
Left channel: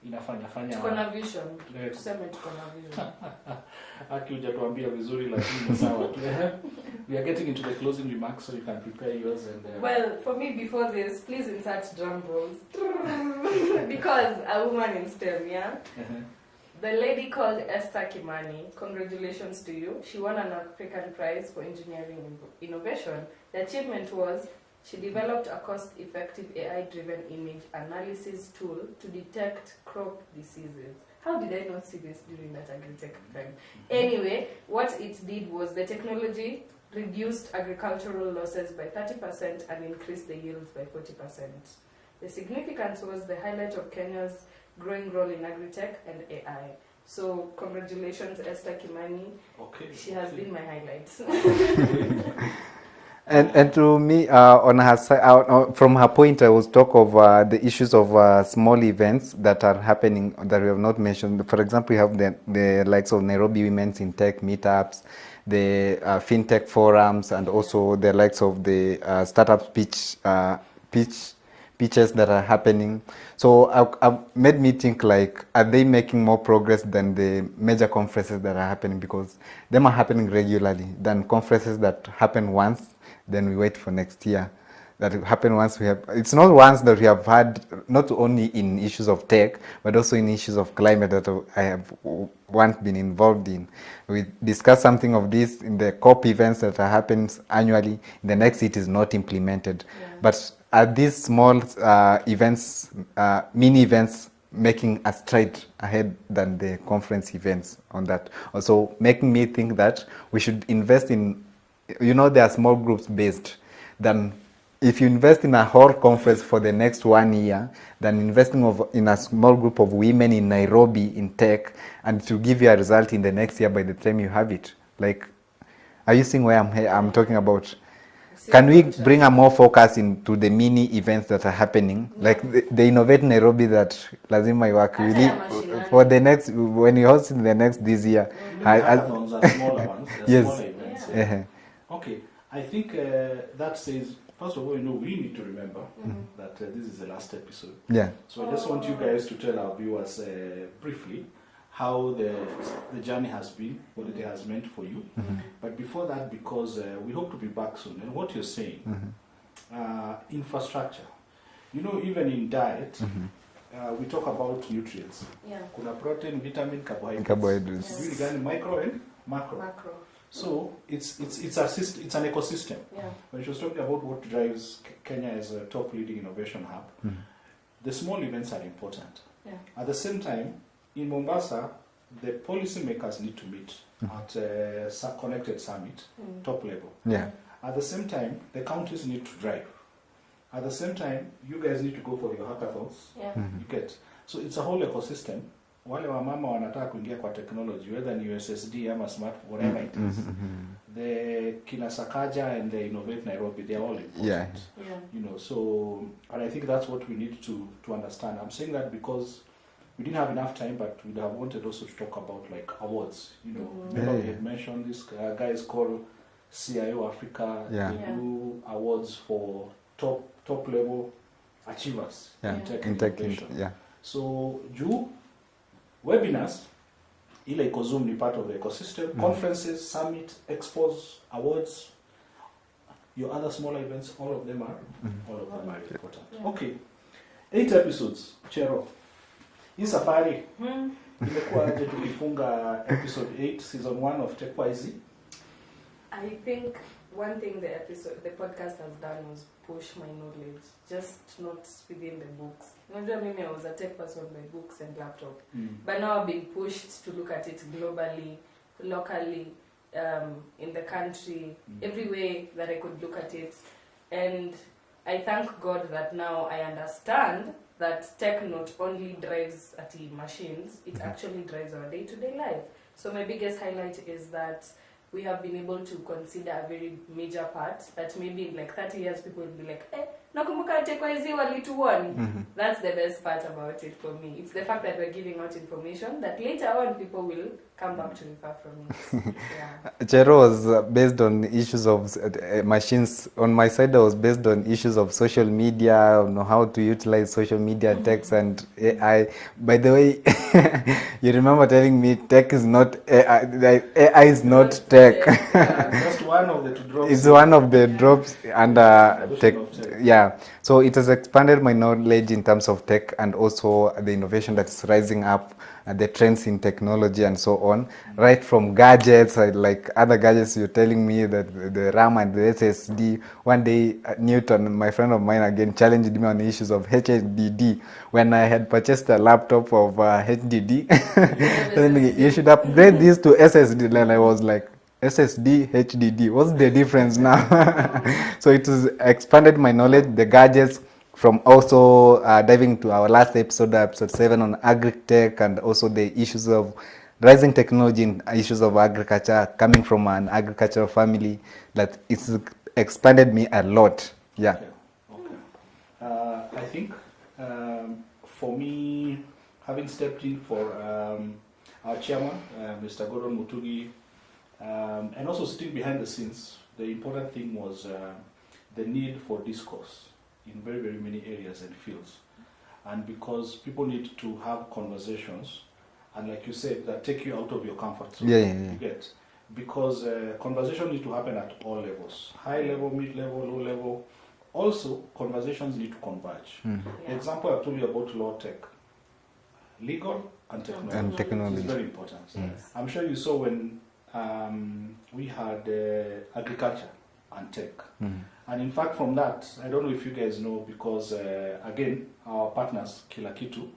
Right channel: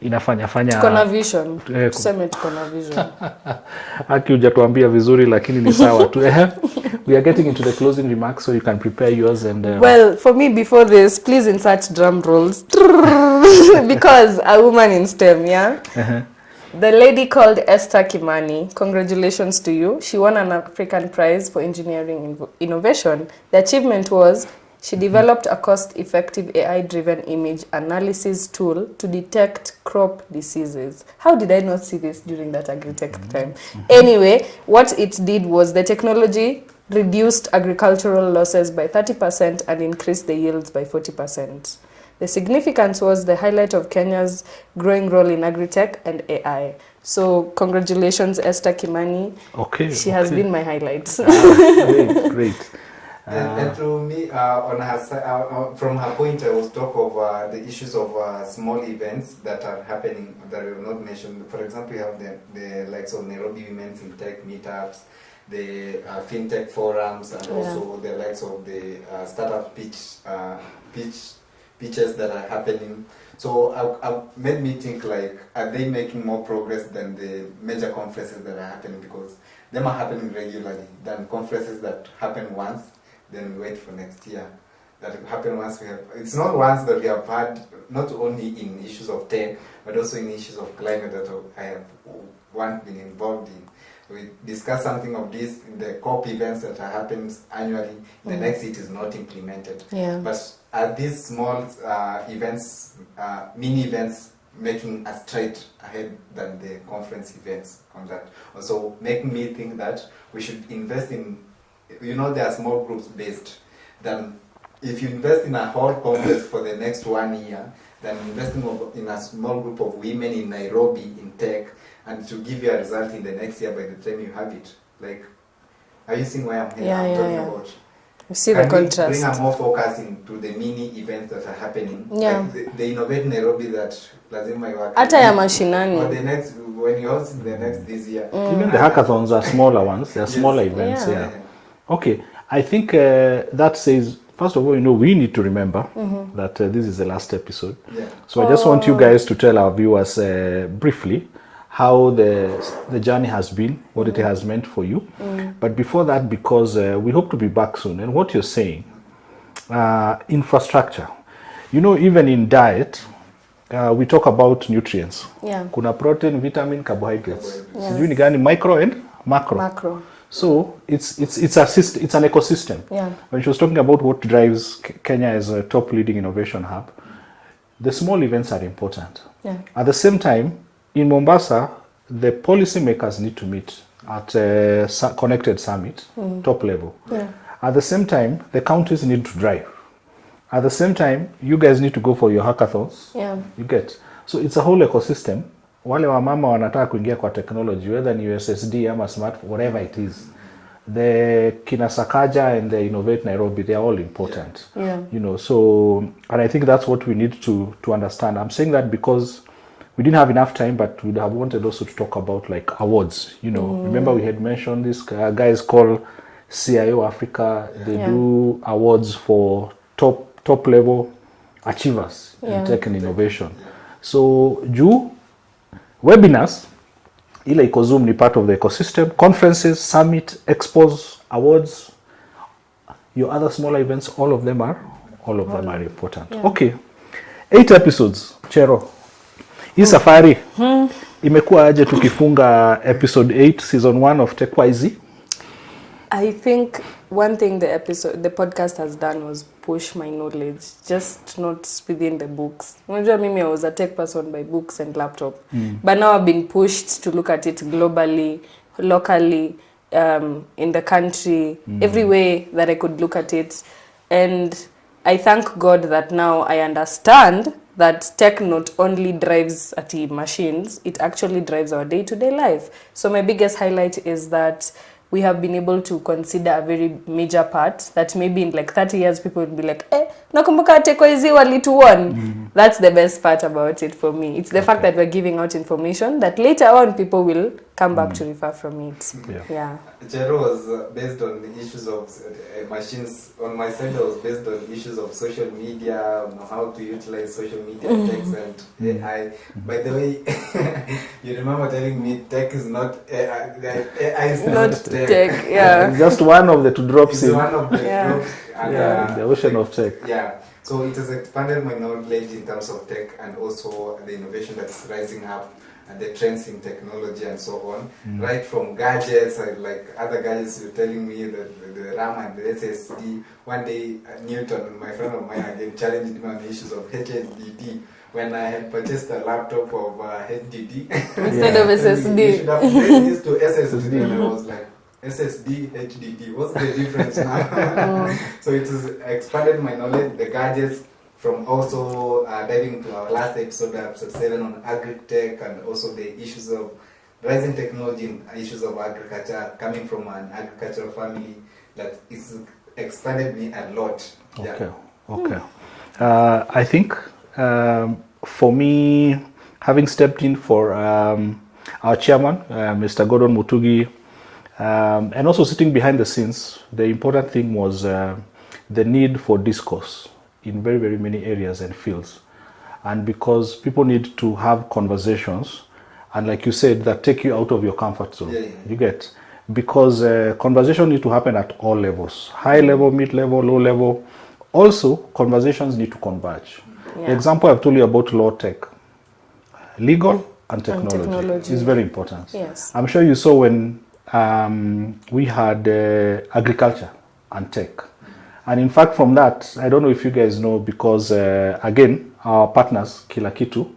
Inafanya Tuko na vision. Tuseme tuko na vision. Haki hujatuambia vizuri lakini ni sawa tu. We are getting into the closing remarks, so you can prepare yours and Well, for me, before this, please insert drum rolls. Because a woman in STEM, The lady called Esther Kimani, congratulations to you. She won an African Prize for Engineering Innovation. The achievement was she developed a cost-effective AI-driven image analysis tool to detect crop diseases. How did I not see this during that agri-tech time? Anyway, what it did was the technology reduced agricultural losses by 30% and increased the yields by 40%. The significance was the highlight of Kenya's growing role in agri-tech and AI. So congratulations, Esther Kimani. Okay. She has been my highlight. Great. And to me, on her side, from her point, I was talk of the issues of small events that are happening that we have not mentioned. For example, you have the likes of Nairobi Women's in Tech meetups, the fintech forums, and also the likes of the startup pitches that are happening. So I've made me think, like, are they making more progress than the major conferences that are happening? Because them are happening regularly than conferences that happen once, then we wait for next year. That happen once we have, it's not once that we have had, not only in issues of tech, but also in issues of climate that I have once been involved in. We discuss something of this in the COP events that happens annually. The next it is not implemented. Yeah. But are these small events, mini events, making a stride ahead than the conference events on that? Also making me think that we should invest in, there are small groups based. Then if you invest in a whole conference for the next 1 year, then investing in a small group of women in Nairobi in tech, and to give you a result in the next year by the time you have it. Like, are you seeing where I'm talking about? Can we bring a more focus into the mini events that are happening? Yeah. Like the Innovate Nairobi that lazima iwake. Hata ya mashinani. For the next, when you host in the next this year. Even the hackathons are smaller ones. They are smaller events. Yeah. Okay. I think that says, first of all, we need to remember that this is the last episode. Yeah. So I just want you guys to tell our viewers briefly how the journey has been, what it has meant for you. But before that, because we hope to be back soon, and what you're saying, infrastructure. Even in diet, we talk about nutrients. Yeah. Kuna protein, vitamin, carbohydrates. Carbohydrates. Sijui ni gani, micro and macro. Macro. So it's an ecosystem. Yeah. When she was talking about what drives Kenya as a top leading innovation hub, the small events are important. Yeah. At the same time, in Mombasa, the policymakers need to meet at a connected summit, top level. Yeah. At the same time, the counties need to drive. At the same time, you guys need to go for your hackathons. Yeah. You get. So it's a whole ecosystem. Wale wamama wanataka kuingia kwa technology, whether ni USSD ama smart, whatever it is. The Kinasakaja and the Innovate Nairobi, they are all important. Yeah. You know, so, and I think that's what we need to understand. I'm saying that because we didn't have enough time, but we'd have wanted also to talk about like awards. You know, remember we had mentioned this guys called CIO Africa. They do awards for top level achievers in tech and innovation. So webinars, ile iko Zoom ni part of the ecosystem. Conferences, summit, expos, awards, your other smaller events, all of them are important. Okay, 8 episodes. Chero, hii safari imekuwa aje tukifunga episode 8 season 1 of TechYZ? I think one thing the podcast has done was push my knowledge, just not within the books. Unajua mimi, I was a tech person by books and laptop. But now I've been pushed to look at it globally, locally, in the country, every way that I could look at it. And I thank God that now I understand that tech not only drives at machines, it actually drives our day-to-day life. So my biggest highlight is that we have been able to consider a very major part that maybe in like 30 years people would be like, nakumbuka TechYZ walituon. That's the best part about it for me. It's the fact that we're giving out information that later on people will come back to refer from it. Chero was based on issues of machines. On my side, I was based on issues of social media, on how to utilize social media, techs and AI. By the way, you remember telling me tech is not AI. AI is not tech. Yeah. Just one of the 2 drops. It's one of the drops and the ocean of tech. Yeah. So it has expanded my knowledge in terms of tech and also the innovation that's rising up and the trends in technology and so on. Right from gadgets, like other gadgets, you're telling me that the RAM and the SSD. One day, Newton, my friend of mine, again challenged me on the issues of HDD. When I had purchased a laptop of HDD, instead of SSD, you should upgrade this to SSD. And I was like, SSD, HDD, what's the difference now? So it has expanded my knowledge, the gadgets, from also diving to our last episode, episode 7 on agri-tech, and also the issues of rising technology and issues of agriculture, coming from an agricultural family, that it's expanded me a lot. Yeah. Okay. I think for me, having stepped in for our chairman, Mr. Gordon Mutugi, and also sitting behind the scenes, the important thing was the need for discourse in very, very many areas and fields. And because people need to have conversations, and like you said, that take you out of your comfort zone. You get, because conversation need to happen at all levels, high level, mid level, low level. Also, conversations need to converge. The example I've told you about law tech, legal and technology is very important. Yes. I'm sure you saw when we had agriculture and tech. And in fact, from that, I don't know if you guys know, because again, our partners, Kila Kitu,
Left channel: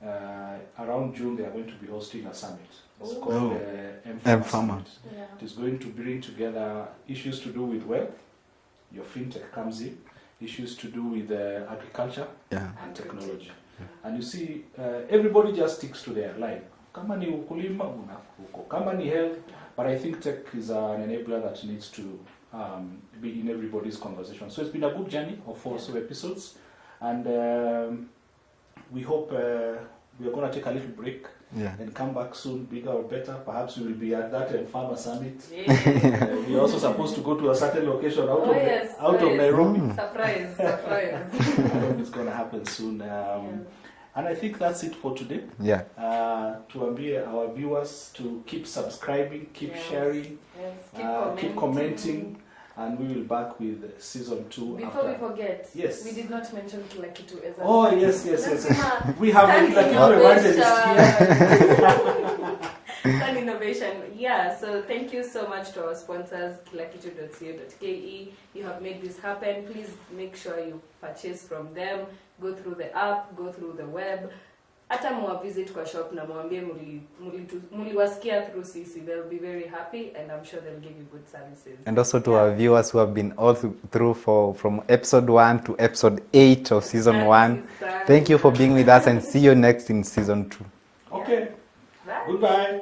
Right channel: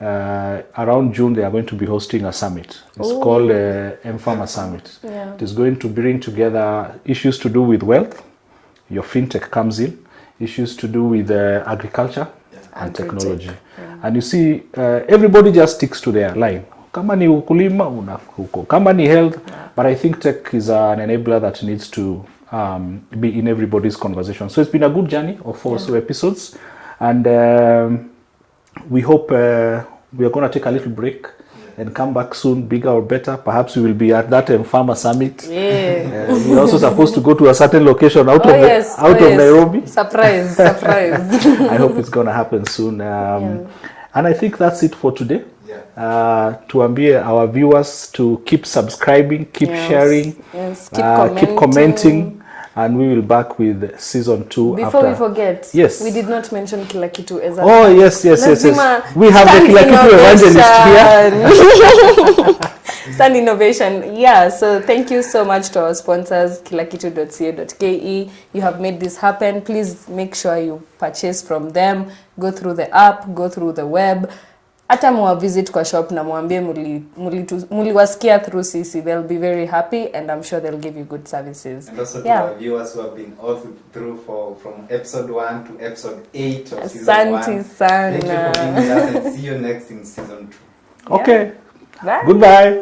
around June, they are going to be hosting a summit. It's called M-Pharma Summit. It is going to bring together issues to do with wealth, your fintech comes in, issues to do with agriculture and technology. And you see, everybody just sticks to their line. Kama ni ukulima, unafuko. Kama ni health, but I think tech is an enabler that needs to be in everybody's conversation. So it's been a good journey of 4 episodes, and we hope we are going to take a little break and come back soon, bigger or better. Perhaps we will be at that Farmer Summit. We're also supposed to go to a certain location out of Nairobi. Surprise. I hope it's going to happen soon. And I think that's it for today. Tuambie our viewers to keep subscribing, keep sharing, keep commenting. And we will back with season 2. Before we forget, we did not mention Kila Kitu as a yes. We have the Kila Kitu evangelist here. Stand Innovation. So thank you so much to our sponsors, kilakitu.co.ke. You have made this happen. Please make sure you purchase from them. Go through the app, go through the web. hata mwa visit kwa shop na mwambie muliwasikia through sisi, they'll be very happy and I'm sure they'll give you good services. And also to our viewers who have been all through from episode 1 to episode 8 of season 1. Sana. Thank you for being with us and see you next in season 2. Okay. Bye. Goodbye.